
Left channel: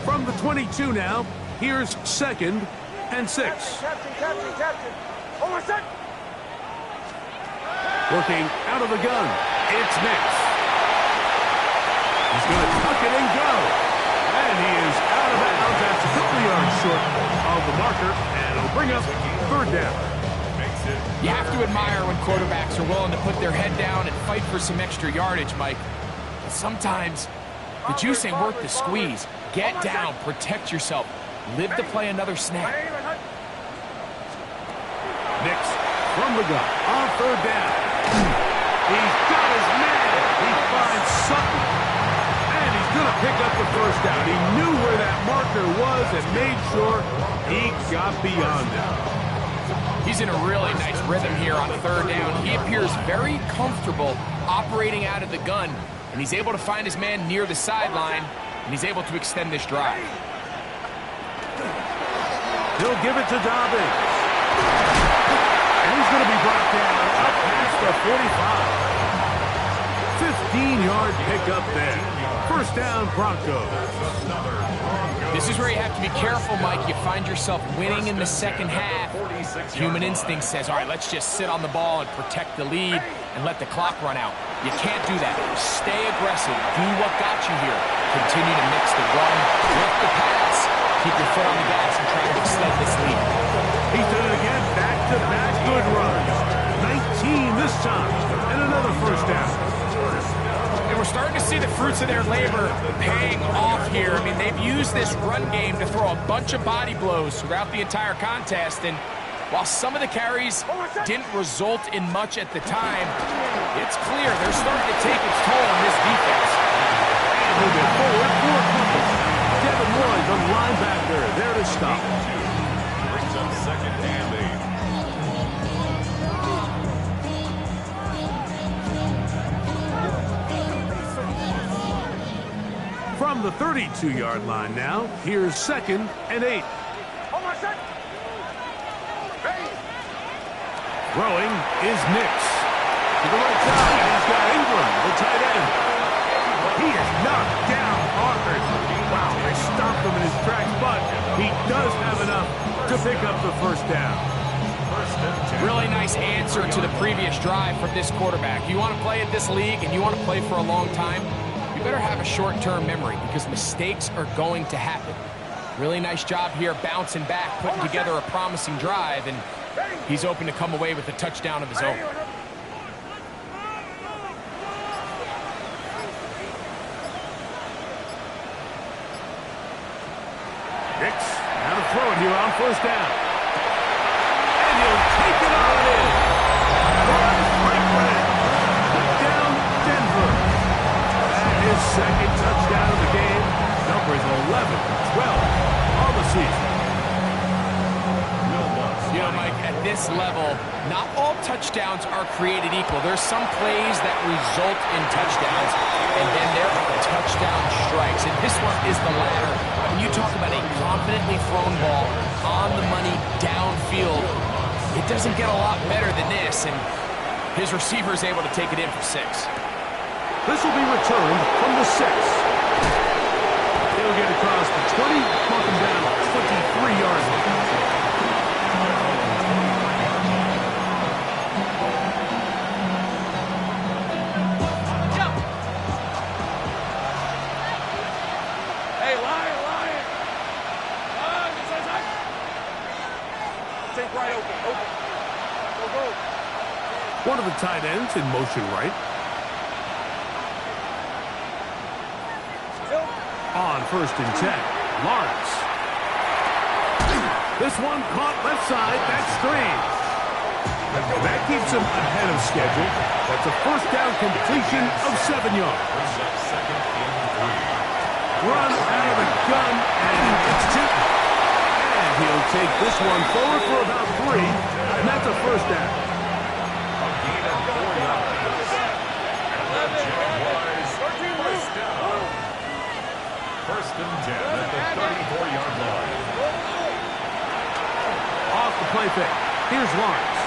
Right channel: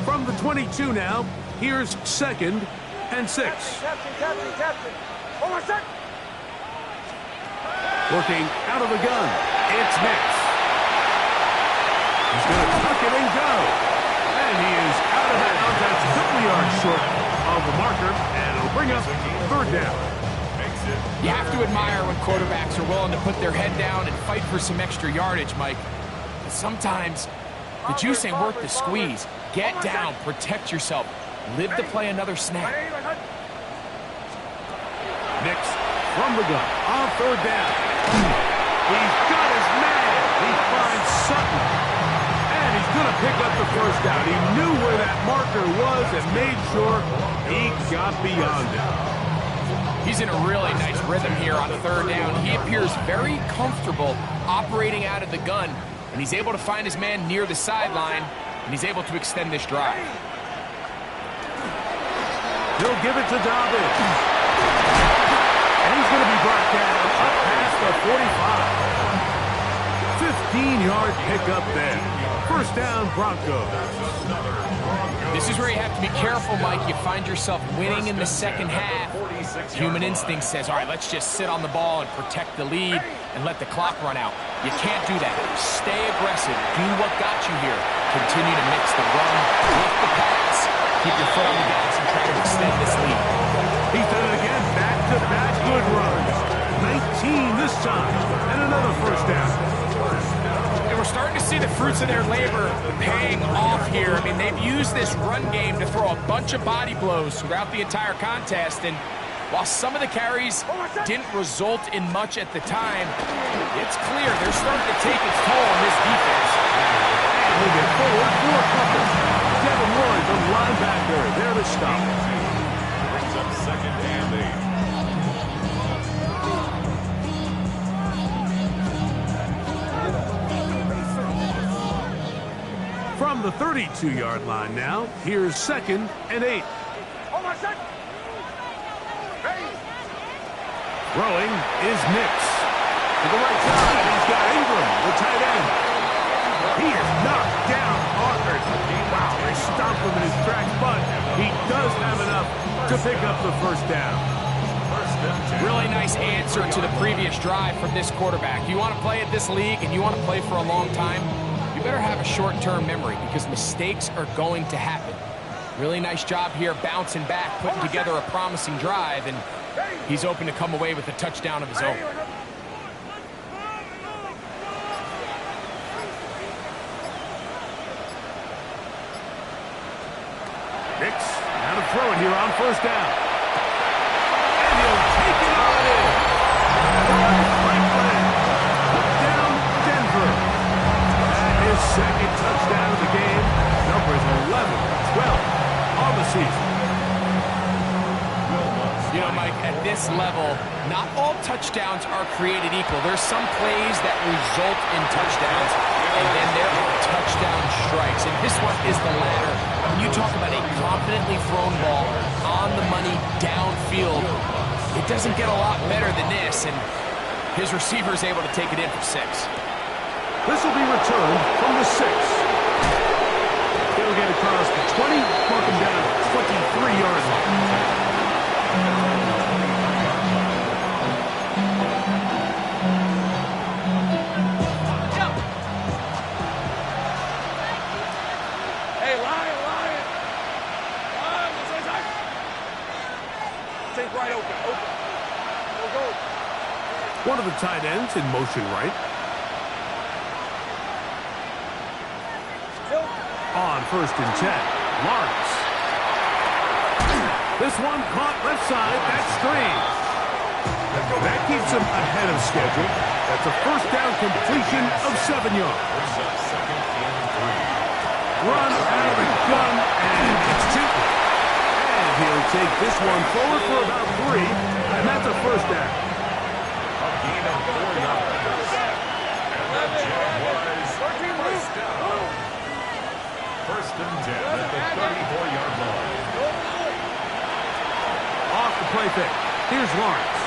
From the 22 now, here's 2nd and 6. Captain. On my set. Working out of the gun, it's Nix. He's going to tuck it and go. And he is out of bounds. That's a couple yards short of the marker, and it'll bring up 3rd down. You have to admire when quarterbacks are willing to put their head down and fight for some extra yardage, Mike. But sometimes the juice ain't worth the squeeze. Get down, protect yourself, live to play another snap. Nix from the gun on 3rd down. He's got his man. He finds Sutton. And he's going to pick up the 1st down. He knew where that marker was and made sure he got beyond it. He's in a really nice rhythm here on third down. He appears very comfortable operating out of the gun, and he's able to find his man near the sideline, and he's able to extend this drive. He'll give it to Dobbins. And he's going to be brought down up past the 45. 15-yard pickup there. First down, Broncos. This is where you have to be careful, Mike. You find yourself winning in the second half. Human instinct says, all right, let's just sit on the ball and protect the lead and let the clock run out. You can't do that. Stay aggressive. Do what got you here. Continue to mix the run with the pass. Keep your foot on the gas and try to extend this lead. He's done it again. Back-to-back good runs. 19 this time. And another first down. And we're starting to see the fruits of their labor paying off here. I mean, they've used this run game to throw a bunch of body blows throughout the entire contest. And while some of the carries didn't result in much at the time, it's clear they're starting to take its toll on this defense. And he'll get forward for a couple. Devin Lloyd, the linebacker, there to stop. Brings up second and 8. From the 32-yard line now, here's second and 8. Throwing is Nix. To the right side, he's got Ingram, the tight end. He is knocked down hard. Wow, they stopped him in his tracks, but he does have enough to pick up the first down. Really nice answer to the previous drive from this quarterback. You want to play at this league and you want to play for a long time, you better have a short-term memory because mistakes are going to happen. Really nice job here bouncing back, putting together a promising drive, and he's open to come away with a touchdown of his own. Nix, now to throw it here on first down. And he'll take it on in. Roy Franklin. Put down Denver. His second touchdown of the game. Numbers 11-12 on the season. You know, Mike, at this level, not all touchdowns are created equal. There's some plays that result in touchdowns, and then there are touchdown strikes. And this one is the latter. When you talk about a confidently thrown ball on the money downfield, it doesn't get a lot better than this, and his receiver is able to take it in for 6. This will be returned from the 6. He'll get across the 20, mark him down 23-yard line. Hey, Lion! Take right open. Go. One of the tight ends in motion right. On first and 10, Lawrence. This one caught left side. That's strange. That keeps him ahead of schedule. That's a first down completion of 7 yards. Brings up second and 3. Run out of the gun, and it's 2. And he'll take this one forward for about 3, and that's a first down. A gain of 4 yards. And the Jaguars first down. First and 10 at the 34-yard line. Off the play fake. Here's Lawrence.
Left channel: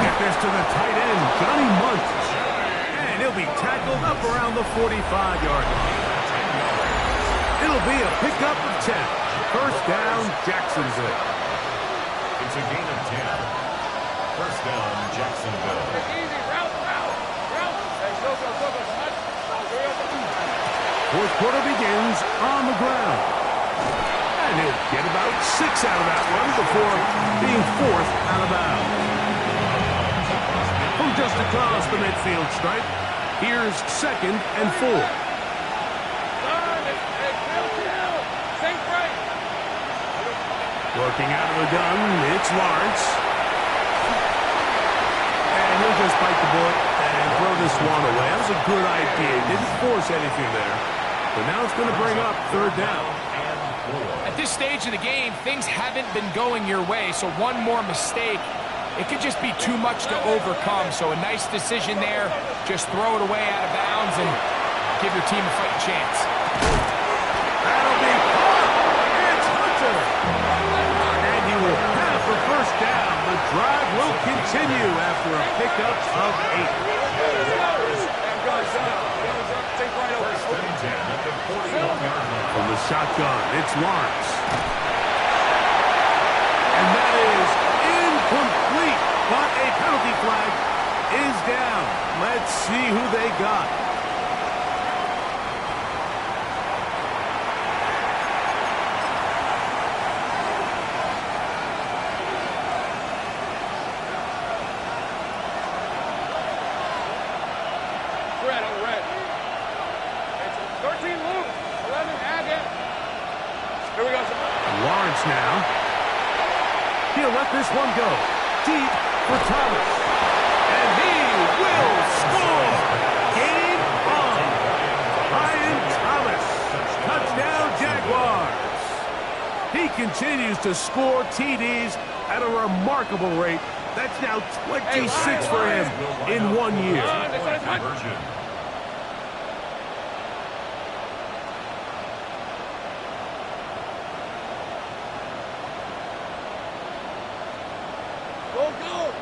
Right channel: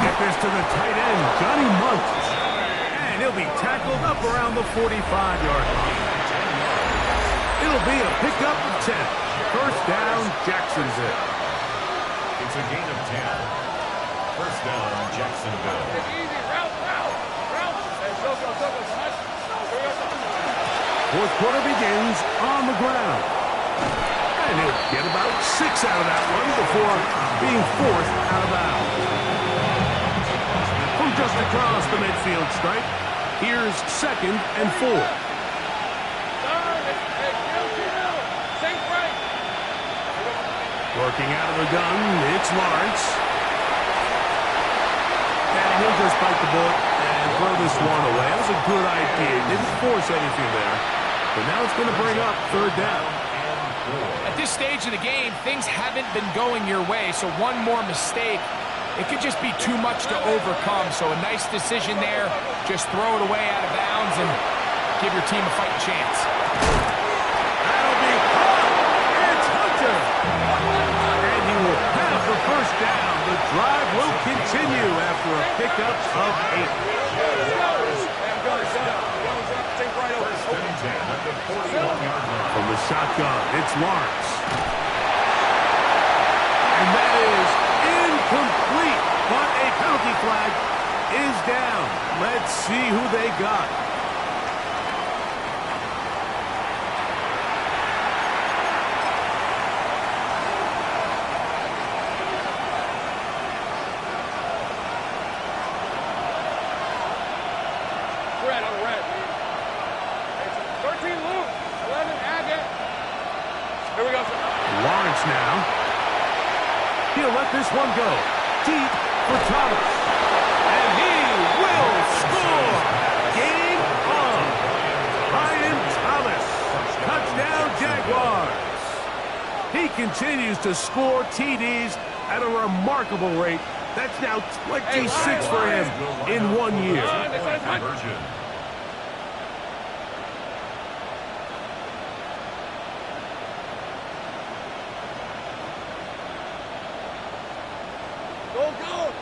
Get this to the tight end, Johnny Munt. And he'll be tackled up around the 45-yard line. It'll be a pickup of 10. First down, Jacksonville. It's a gain of 10. First down, Jacksonville. Easy, route. Hey, go. Fourth quarter begins on the ground. And he'll get about 6 out of that one before being forced out of bounds. From just across the midfield stripe, here's second and 4. Working out of the gun, it's Lawrence. And he'll just bite the bullet and throw this one away. That was a good idea. Didn't force anything there. But now it's going to bring up third down. And At this stage of the game, things haven't been going your way, so one more mistake, it could just be too much to overcome. So a nice decision there. Just throw it away out of bounds and give your team a fighting chance. That'll be caught. It's Hunter. And he will have the first down. The drive will continue after a pickup of 8. First and 10 at the 41-yard line. From the shotgun, it's Lawrence. And that is incomplete, but a penalty flag is down. Let's see who they got. Red on red. It's 13 loose. 11 Agate. Here we go, sir. Lawrence now. He'll let this one go. Deep for Thomas. And he will score. Game on. Brian Thomas. Touchdown Jaguars. He continues to score TDs at a remarkable rate. That's now 26 for him in 1 year. Conversion. Go, go.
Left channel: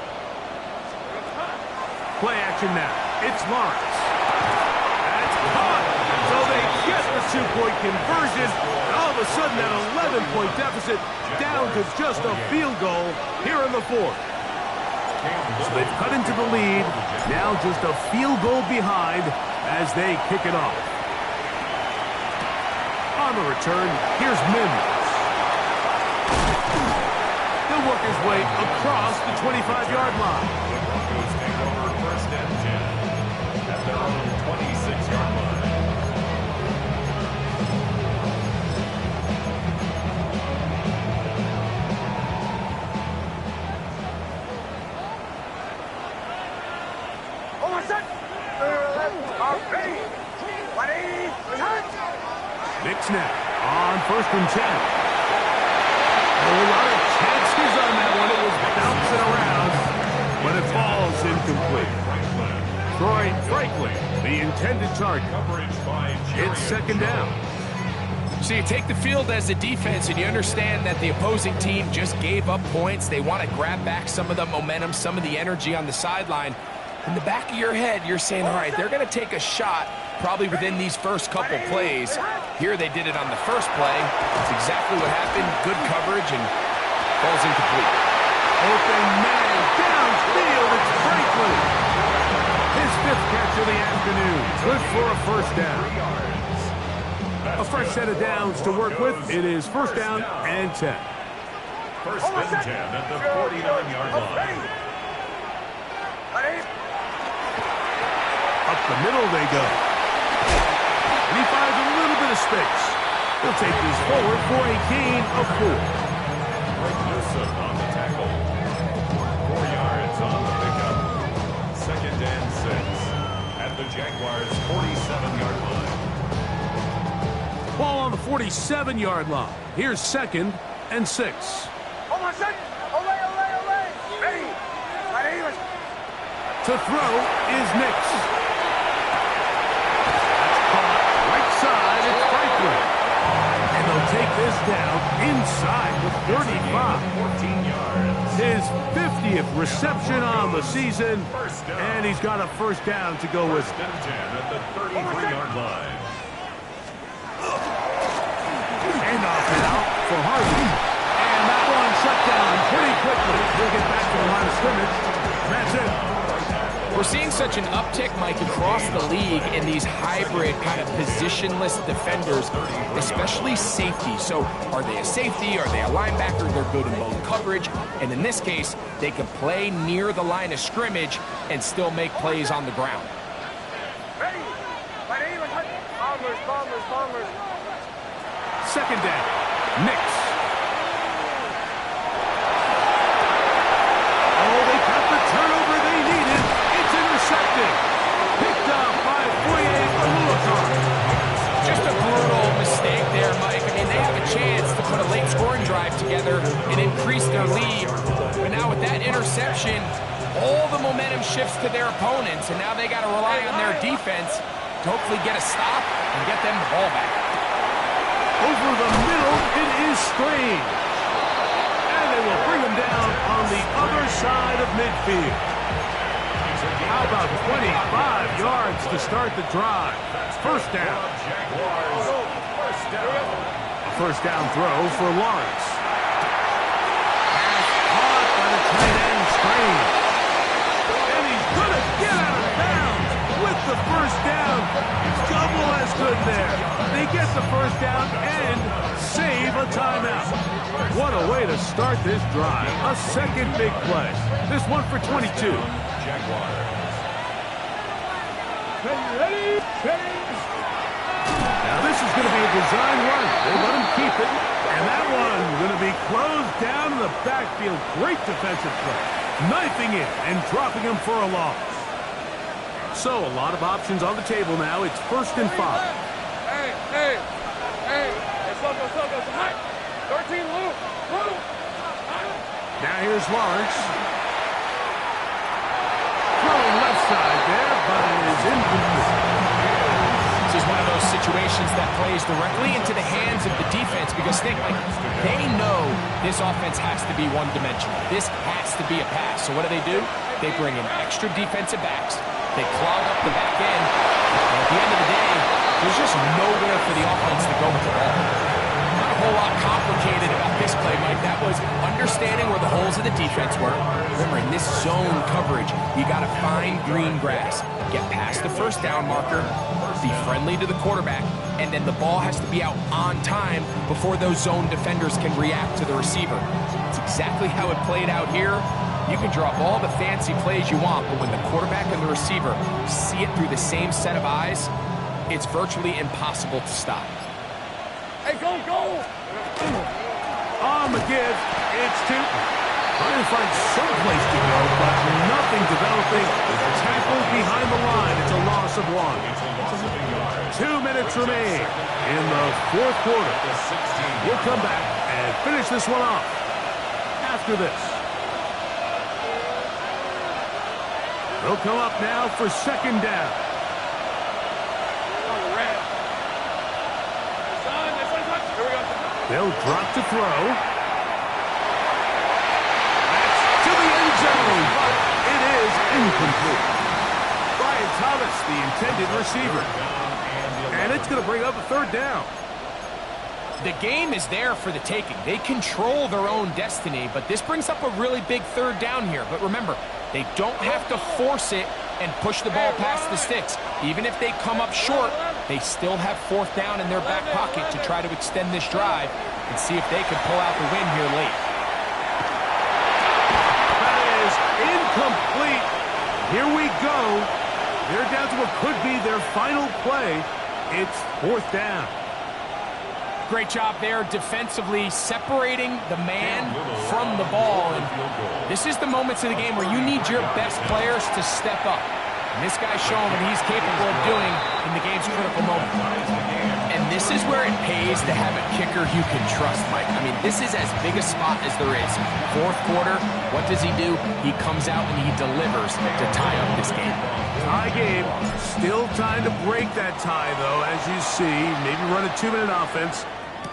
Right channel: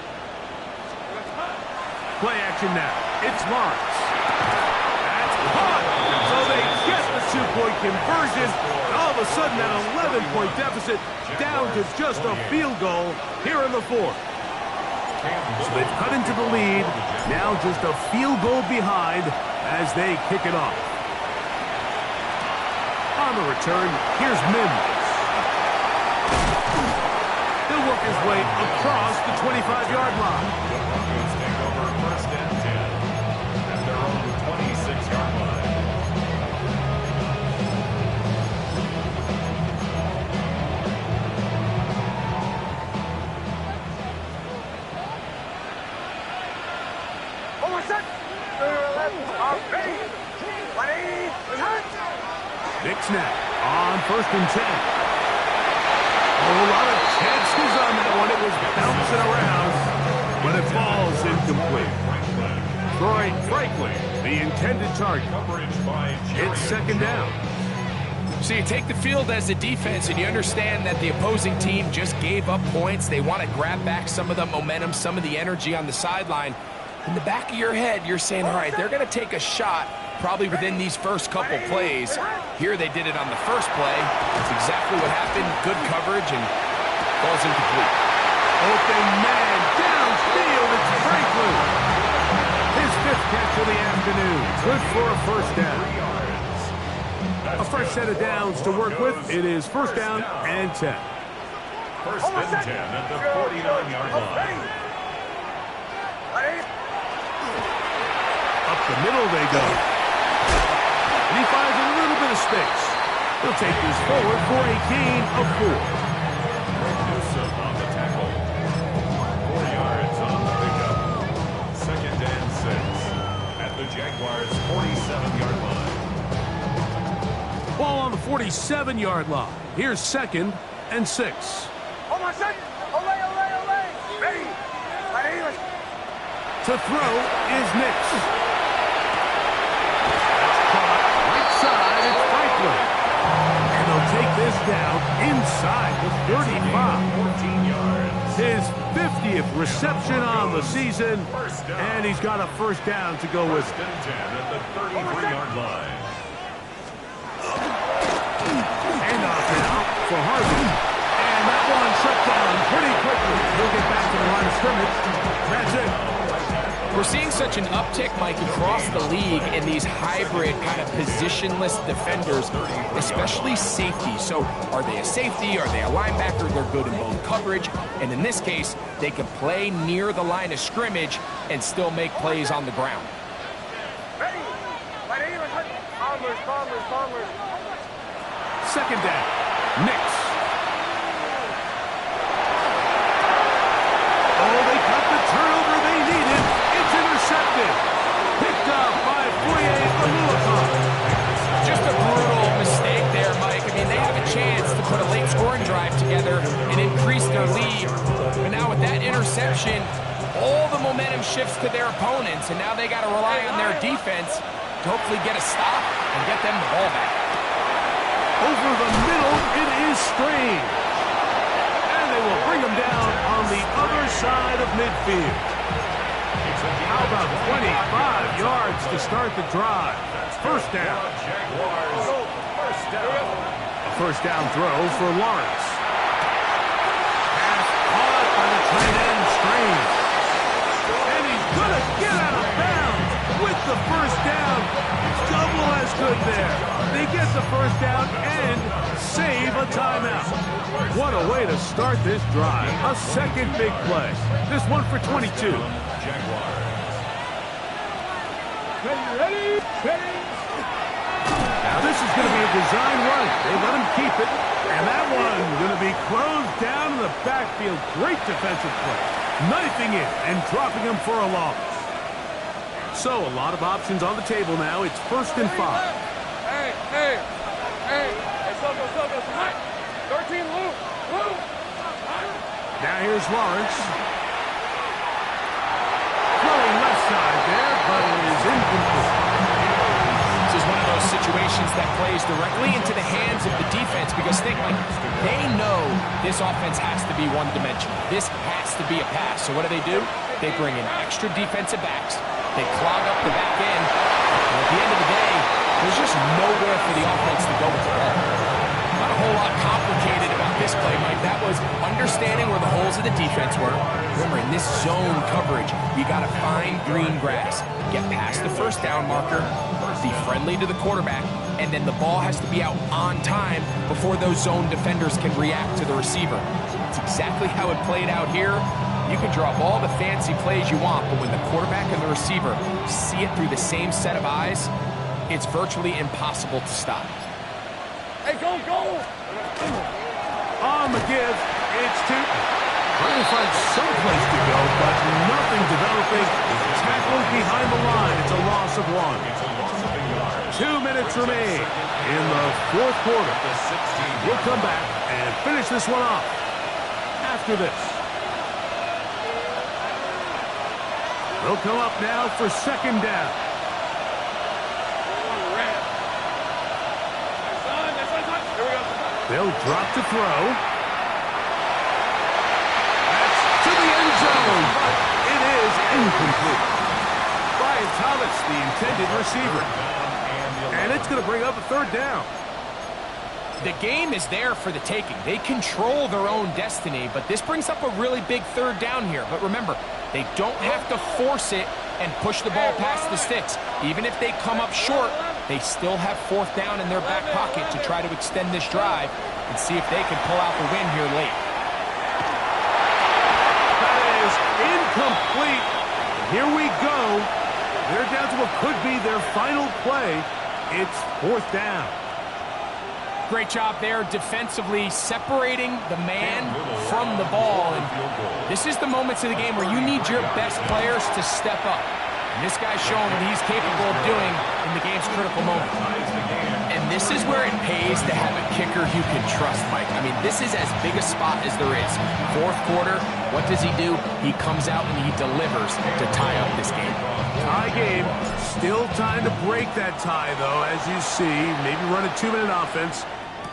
Play action now. It's Lawrence. That's caught. So they get the 2-point conversion. And all of a sudden, that 11-point deficit down to just a field goal here in the fourth. So they've cut into the lead. Now just a field goal behind as they kick it off. On the return, here's Mims. He'll work his way across the 25-yard line. The Broncos take over first and 10 at their own 26-yard line. Oh, my son. Nick snap on first and 10. A lot of chances on that one. It was bouncing around, but it falls incomplete. Troy Franklin, the intended target. It's second down. So you take the field as a defense and you understand that the opposing team just gave up points. They want to grab back some of the momentum, some of the energy on the sideline. In the back of your head, you're saying, all right, they're going to take a shot probably within these first couple plays. Here they did it on the first play. That's exactly what happened. Good coverage and falls incomplete. Open man downfield. It's Franklin. His 5th catch of the afternoon. Good for a first down. A fresh set of downs to work with. It is first down and 10. First and 10 at the 49-yard line. Up the middle they go. And he finds a little bit of space. He'll take this forward for a gain of 4. Greg Newsome on the tackle. 4 yards on the pickup. Second and 6 at the Jaguars' 47-yard line. Ball on the 47-yard line. Here's second and 6. Oh, my son. Olay, olay, olay. Ready. Ready. To throw is Nix. That's caught right side. It's Franklin. And they'll take this down inside the 35. 14 yards. His 50th reception on the season. And he's got a first down to go with First it. and 10 at the 33-yard line. Handoff now for Harvey. And that one shut down pretty quickly. He'll get back to the line of scrimmage. That's it. We're seeing such an uptick, Mike, across the league in these hybrid kind of positionless defenders, especially safety. So are they a safety? Are they a linebacker? They're good in both coverage. And in this case, they can play near the line of scrimmage and still make plays on the ground. Ready. Ready. Bombers, bombers, bombers. Second down. Nix. Oh, they got the turnover they needed. It's intercepted. Picked up by Foye Aluakar. Just a brutal mistake there, Mike. I mean, they have a chance drive together and increase their lead. But now with that interception, all the momentum shifts to their opponents, and now they got to rely on their defense to hopefully get a stop and get them the ball back. Over the middle, it is strange. And they will bring him down on the other side of midfield. How about 25 yards to start the drive? First down. A first down throw for Lawrence. Pass caught by the tight end, Strange. And he's going to get out of bounds with the first down. Double as good there. They get the first down and save a timeout. What a way to start this drive. A second big play. This one for 22. Jaguars. Ready? Now this is going to be a design run. They let him keep it. And that one going to be closed down in the backfield. Great defensive play. Knifing in and dropping him for a loss. So a lot of options on the table now. It's 1st and 5. Hey. Let's go. 13 loop. Now here's Lawrence. Throwing left side there, but it is incomplete. This is one of those situations that plays directly into the hands of the defense because think, like, they know this offense has to be one-dimensional. This has to be a pass. So what do? They bring in extra defensive backs. They clog up the back end. And at the end of the day, there's just nowhere for the offense to go with the ball. Not a whole lot complicated about this play, Mike. That was understanding where the holes of the defense were. Remember, in this zone coverage, you got to find green grass. Get past the first down marker, be friendly to the quarterback, and then the ball has to be out on time before those zone defenders can react to the receiver. It's exactly how it played out here. You can draw up all the fancy plays you want, but when the quarterback and the receiver see it through the same set of eyes, it's virtually impossible to stop. Hey, go! On the give, it's Tootin. Trying to find some place to go, but nothing developing. Tackled behind the line. It's a loss of 1. 2 minutes remain in the 4th quarter. We'll come back and finish this one off after this. They'll come up now for 2nd down. They'll drop to throw. That's to the end zone, but it is incomplete. Brian Thomas, the intended receiver. And it's going to bring up a 3rd down. The game is there for the taking. They control their own destiny, but this brings up a really big 3rd down here. But remember, they don't have to force it and push the ball past the sticks. Even if they come up short, they still have 4th down in their back pocket to try to extend this drive and see if they can pull out the win here late. That is incomplete. Here we go. They're down to what could be their final play. It's 4th down. Great job there defensively, separating the man from the ball. And this is the moments of the game where you need your best players to step up. And this guy's showing what he's capable of doing in the game's critical moment. And this is where it pays to have a kicker you can trust, Mike. I mean, this is as big a spot as there is. 4th quarter, what does he do? He comes out and he delivers to tie up this game. Tie game. Still time to break that tie, though, as you see. Maybe run a 2-minute offense.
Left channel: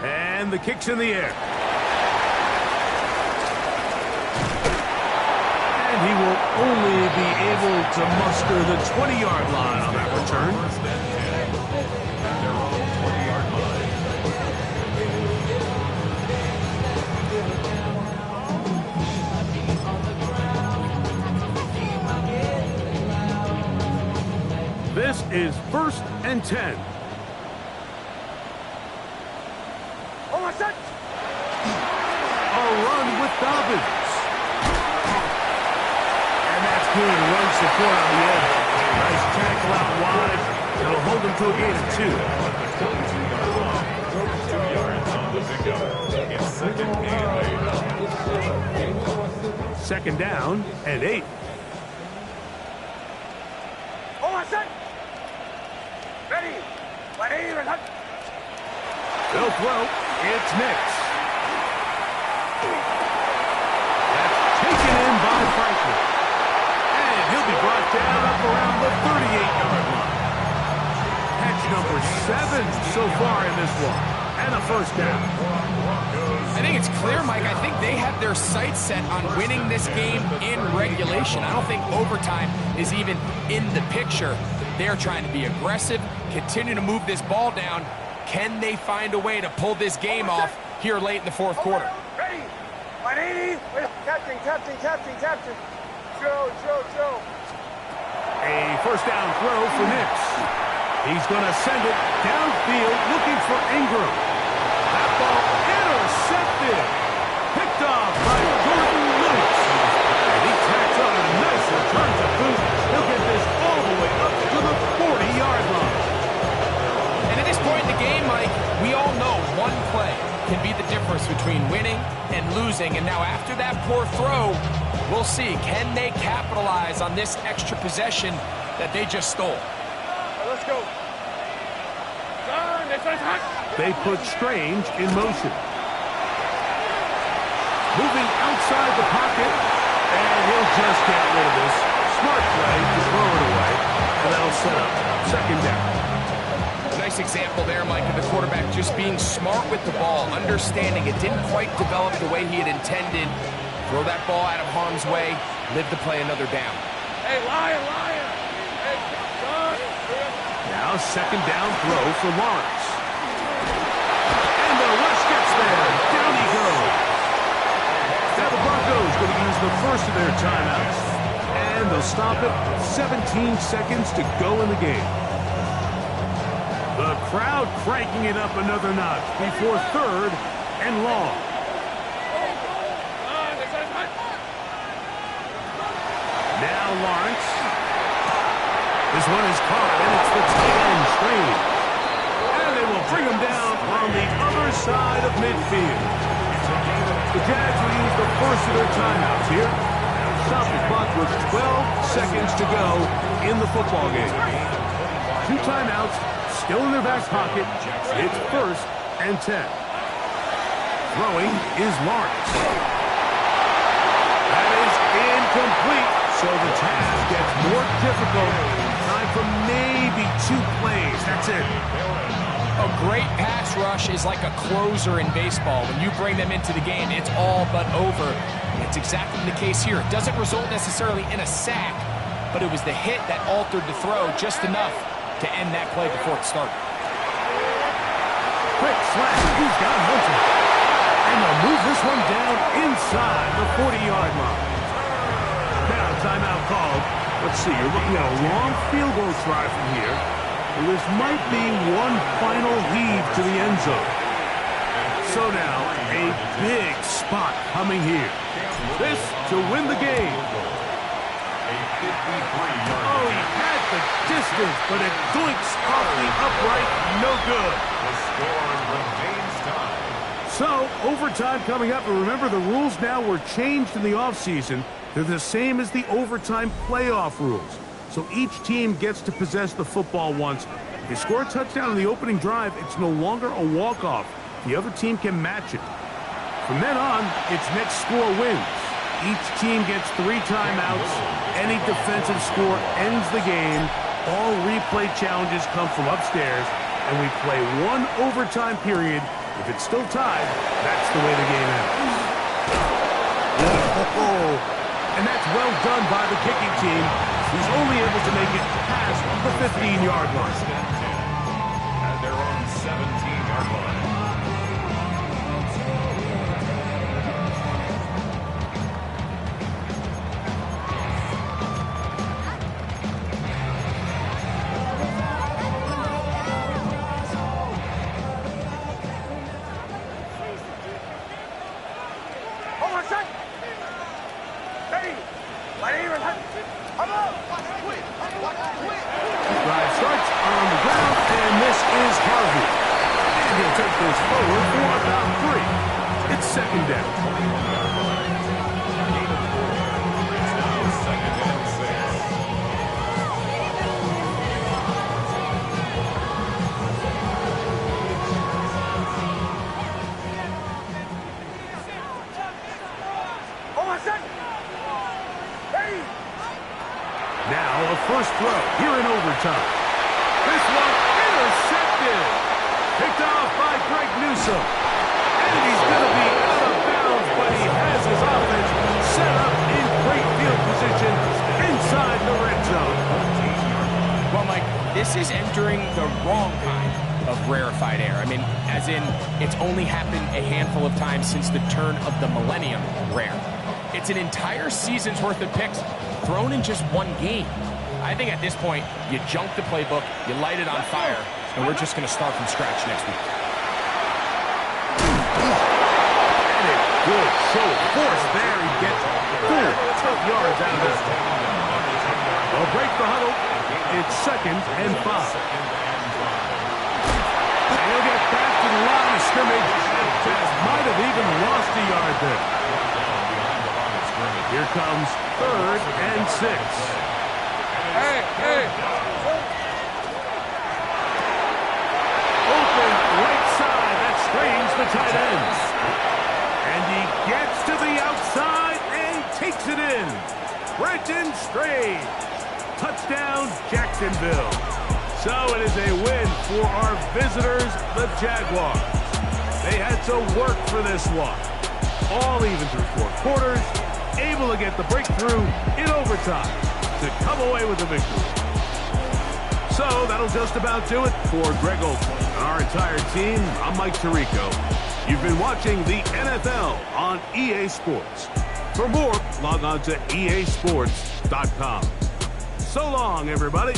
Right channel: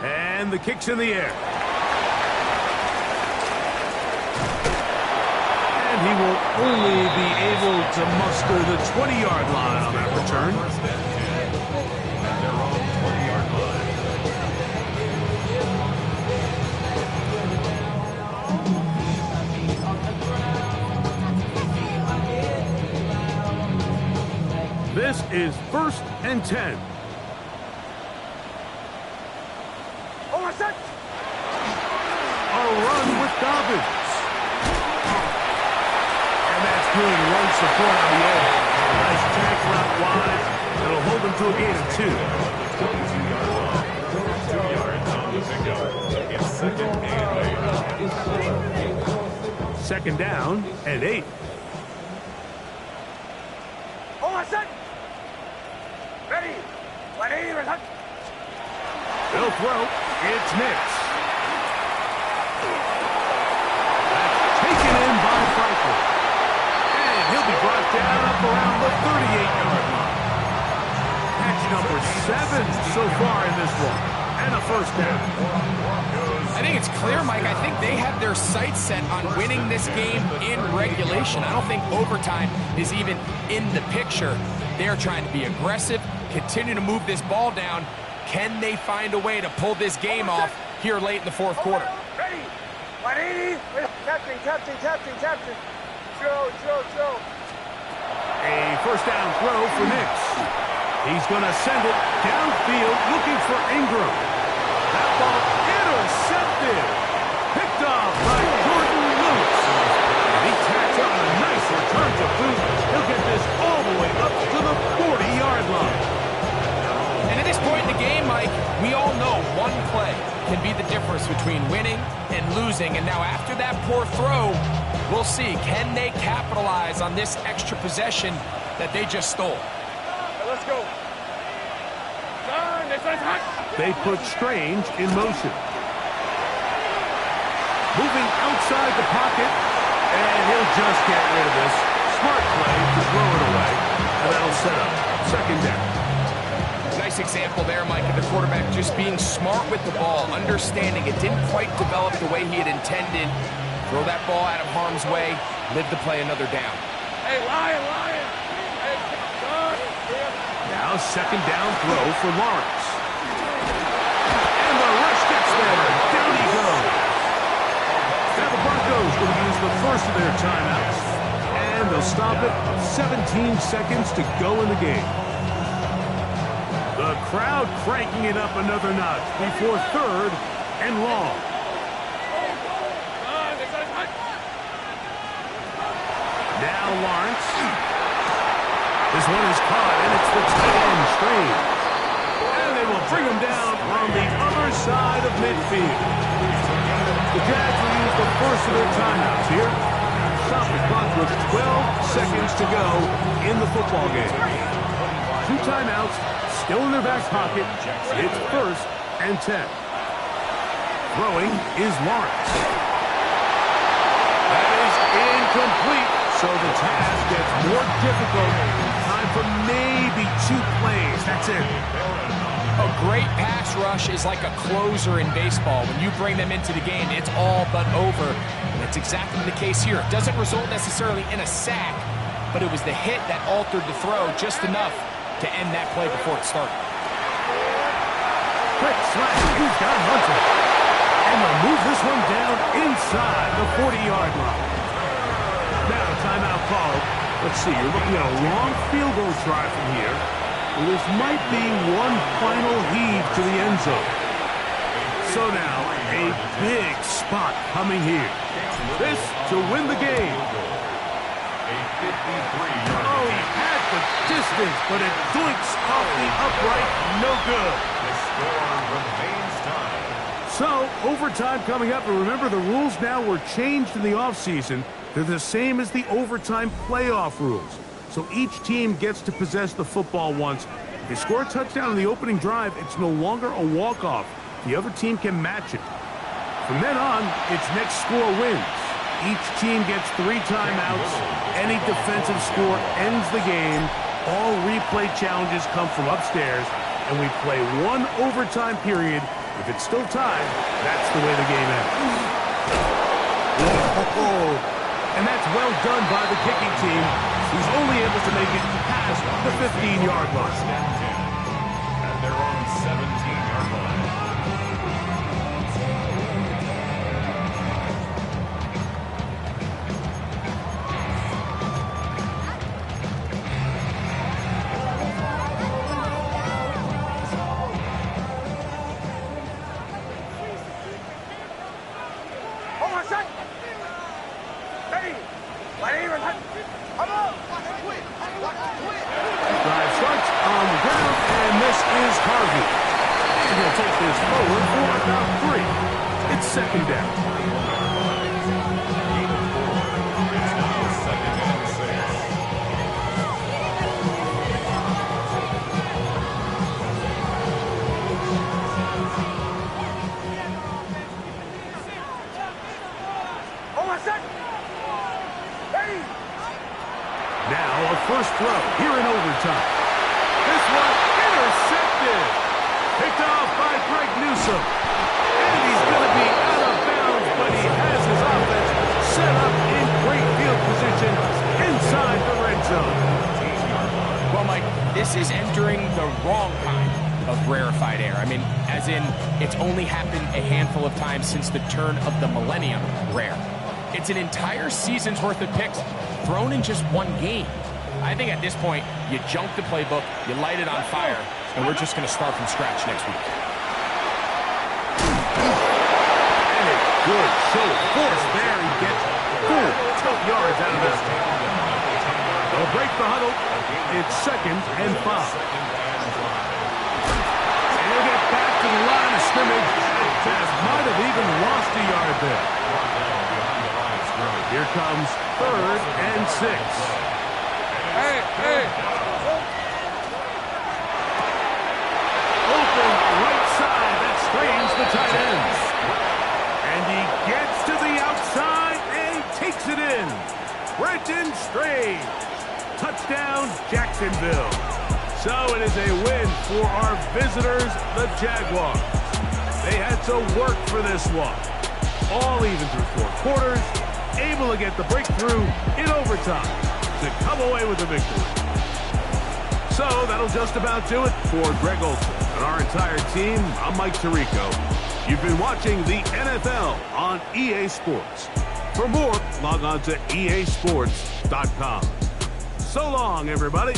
And the kick's in the air. And he will only be able to muster the 20-yard line on that return. At their own 20-yard line. This is 1st and 10. A run with Dobbins. And that's good run support on the edge. Nice tackle out wide. It'll hold them to a gain of 2. At the 22-yard line. 2 yards on the pickup. It's 2nd and 8. 2nd down and 8. They'll throw. It's Nix. by Franklin. And he'll be brought down up around the 38-yard line. Catch number 7 so far in this one. And a first down. I think it's clear, Mike. I think they have their sights set on winning this game in regulation. I don't think overtime is even in the picture. They're trying to be aggressive, continue to move this ball down. Can they find a way to pull this game off here late in the fourth quarter? Ready. 180. Captain. Joe. A first down throw for Nix. He's going to send it downfield looking for Ingram. That ball intercepted. Picked off by Jordan Lewis. And he tacks on a nice return to boot. He'll get this all the way up to the 40-yard line. And at this point in the game, Mike, we all know one play can be the difference between winning and losing. And now after that poor throw, we'll see, can they capitalize on this extra possession that they just stole? Let's go. They put Strange in motion. Moving outside the pocket, and he'll just get rid of this. Smart play to throw it away, and that'll set up second down. Nice example there, Mike, of the quarterback just being smart with the ball, understanding it didn't quite develop the way he had intended. Throw that ball out of harm's way, live to play another down. Hey, Lion. Hey, son. Now second down throw for Lawrence. And the rush gets there. Down he goes. Now the Broncos going to use the first of their timeouts. And they'll stop it. 17 seconds to go in the game. The crowd cranking it up another notch before third and long. Now Lawrence. This one is caught, and it's the tight end Strange. And they will bring him down on the other side of midfield. The Jags will use the first of their timeouts here. Stop the clock with 12 seconds to go in the football game. 2 timeouts still in their back pocket. It's first and 10. Throwing is Lawrence. That is incomplete, so the task gets more difficult. Time for maybe 2 plays. That's it. A great pass rush is like a closer in baseball. When you bring them into the game, it's all but over. And that's exactly the case here. It doesn't result necessarily in a sack, but it was the hit that altered the throw just enough to end that play before it started. Quick slash. He's got Hunter. And they'll move this one down inside the 40-yard line. Now, timeout called. Let's see, you're looking at a long field goal try from here. Well, this might be one final heave to the end zone. So now, a big spot coming here. This to win the game. A 53-yard. Oh, he had the distance, but it doinks off the upright. No good. The score remains tied. So, overtime coming up. And remember, the rules now were changed in the offseason. They're the same as the overtime playoff rules. So each team gets to possess the football once. If you score a touchdown in the opening drive, it's no longer a walk-off. The other team can match it. From then on, it's next score wins. Each team gets 3 timeouts. Any defensive score ends the game. All replay challenges come from upstairs, and we play 1 overtime period. If it's still tied, that's the way the game ends. Whoa. And that's well done by the kicking team, who's only able to make it past the 15-yard line. And they're on 17-yard line. Drive starts on the ground, and this is Harvey. And he'll take this forward for about 3. It's second down. It's now 2nd and 6. first throw here in overtime. This one intercepted. Picked off by Greg Newsome. And he's going to be out of bounds, but he has his offense set up in great field position inside the red zone. Well, Mike, this is entering the wrong kind of rarefied air. I mean, as in, it's only happened a handful of times since the turn of the millennium rare. It's an entire season's worth of picks thrown in just one game. I think at this point, you junk the playbook, you light it on fire, and we're just going to start from scratch next week. And a good show of force there. He gets 4 tough yards out of this. They'll break the huddle. It's 2nd and 5. And he'll get back to the line of scrimmage. Might have even lost a yard there. Here comes 3rd and 6. Hey. Open right side. That strains the tight ends. And he gets to the outside and takes it in. Brenton Strange. Touchdown, Jacksonville. So it is a win for our visitors, the Jaguars. They had to work for this one. All even through 4 quarters. Able to get the breakthrough in overtime to come away with the victory. So that'll just about do it for Greg Olson and our entire team. I'm Mike Tirico. You've been watching the NFL on EA Sports. For more, log on to easports.com. So long, everybody.